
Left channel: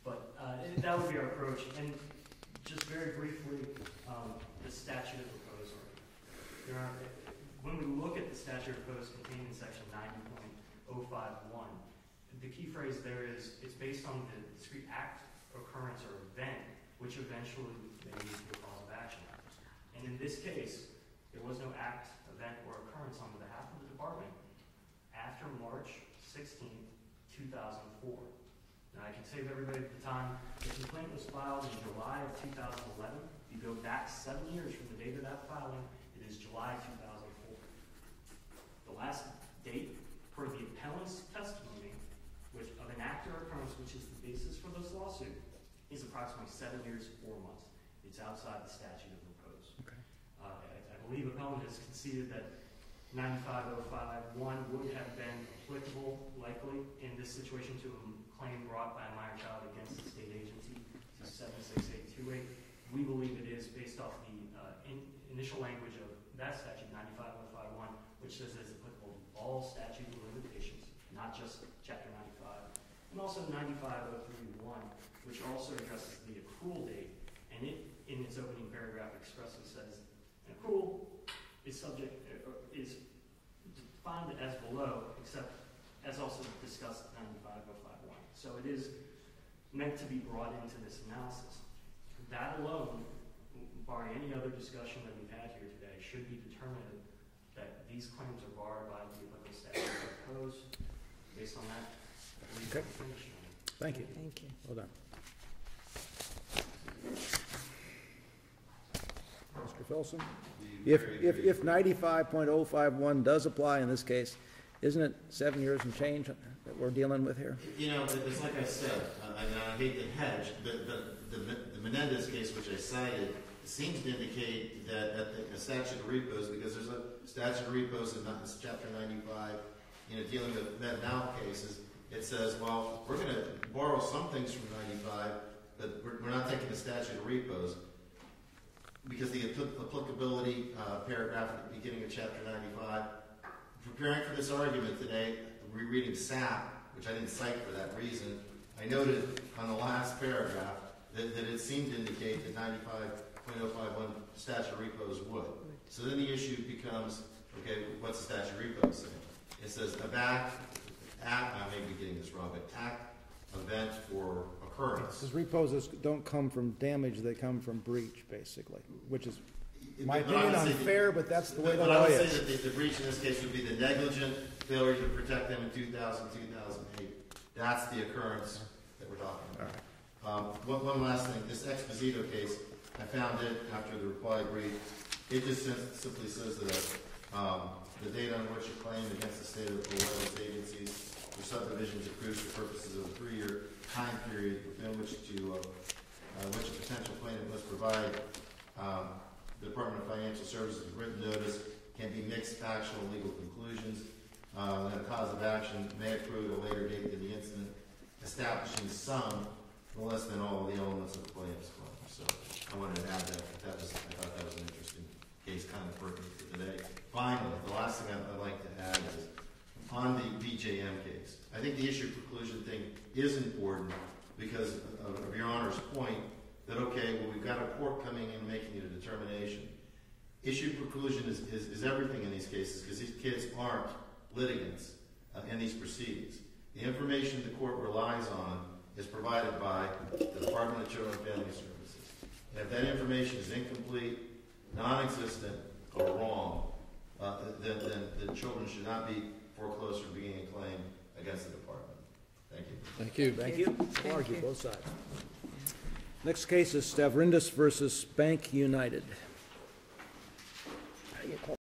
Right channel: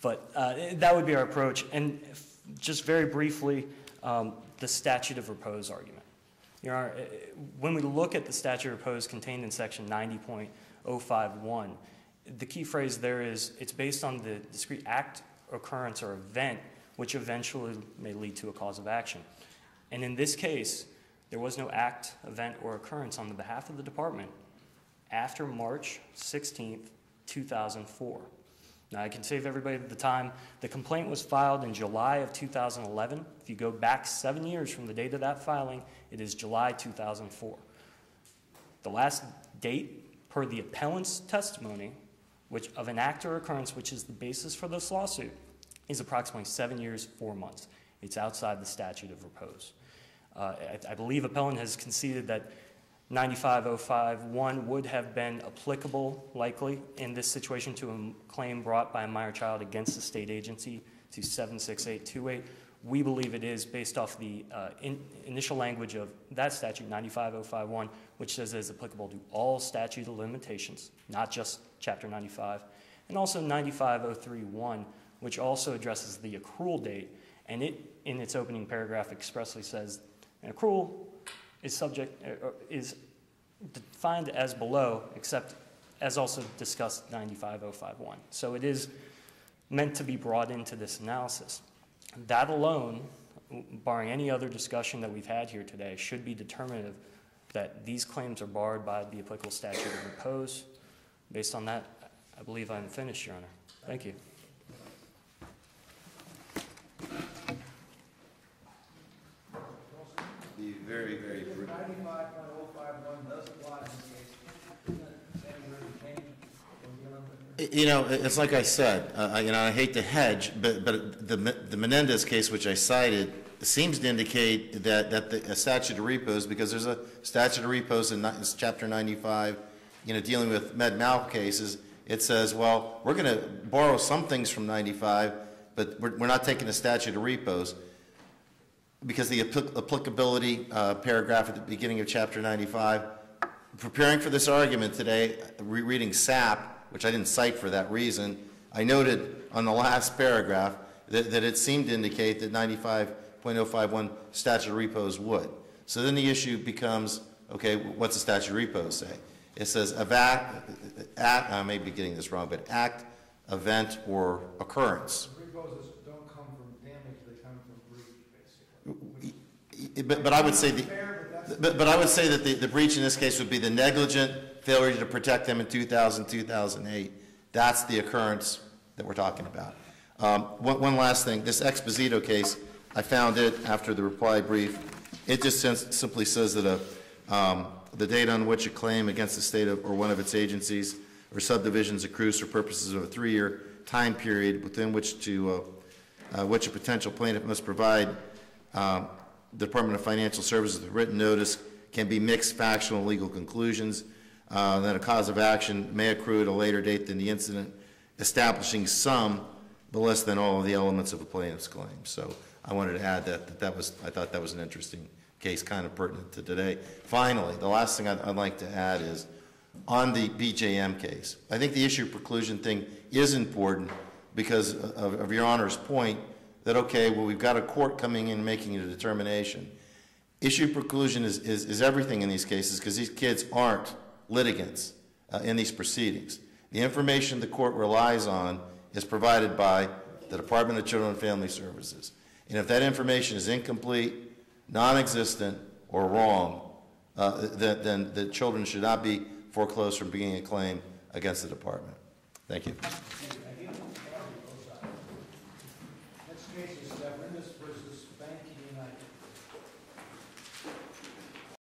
But that would be our approach. And just very briefly, the statute of repose argument. Your Honor, when we look at the statute of repose contained in section 90.051, the key phrase there is it's based on the discrete act, occurrence, or event which eventually may lead to a cause of action. And in this case, there was no act, event, or occurrence on the behalf of the department after March 16th, 2004. Now, I can save everybody the time. The complaint was filed in July of 2011. If you go back 7 years from the date of that filing, it is July 2004. The last date, per the appellant's testimony, which of an act or occurrence which is the basis for this lawsuit, is approximately 7 years, 4 months. It's outside the statute of repose. I believe appellant has conceded that 95.051 would have been applicable, likely, in this situation to a claim brought by a minor child against the state agency to 76828. We believe it is based off the initial language of that statute, 95.051, which says it is applicable to all statute of limitations, not just Chapter 95, and also 95.031, which also addresses the accrual date, and it, in its opening paragraph, expressly says an accrual is defined as below, except as also discussed 95.051. So it is meant to be brought into this analysis. That alone, barring any other discussion that we've had here today, should be determinative that these claims are barred by the applicable statute of repose. Based on that, I believe I'm finished, Your Honor. Thank you. Well done. Mr. Filson? If 95.051 does apply in this case, isn't it 7 years and change that we're dealing with here? You know, it's like I said, I hate to hedge, but the Menendez case, which I cited, seems to indicate that a statute of repose, because there's a statute of repose in Chapter 95, dealing with med-mal cases, it says, well, we're going to borrow some things from 95, but we're not taking the statute of repose, because the applicability paragraph at the beginning of Chapter 95, preparing for this argument today, rereading SAP, which I didn't cite for that reason, I noted on the last paragraph that it seemed to indicate that 95.051 statute of repose would. So then the issue becomes, Okay, what's the statute of repose say? It says I may be getting this wrong, but act, event, or occurrence. Because repos don't come from damage, they come from breach, basically, which is. But I would say, unfair, but that's. but I would say that the breach in this case would be the negligent failure to protect them in 2008. That's the occurrence that we're talking about. One last thing, this Exposito case, I found it after the reply brief. It just simply says that the date on which a claim against the state of, or one of its agencies or subdivisions accrues for purposes of a 3-year time period within which a potential plaintiff must provide the Department of Financial Services with written notice can be mixed factual and legal conclusions, that a cause of action may accrue at a later date than the incident, establishing some but less than all of the elements of a plaintiff's claim. So I wanted to add that I thought that was an interesting case, kind of pertinent to today. Finally, the last thing I'd like to add is on the BJM case. I think the issue of preclusion thing is important because of Your Honor's point that, okay, well, we've got a court coming in and making a determination. Issue of preclusion is everything in these cases because these kids aren't litigants in these proceedings. The information the court relies on is provided by the Department of Children and Family Services. And if that information is incomplete, non-existent, or wrong, then the children should not be foreclosed from bringing a claim against the department. Thank you. Thank you. Thank you. Argue both sides. Next case is Stavridis versus Bank United.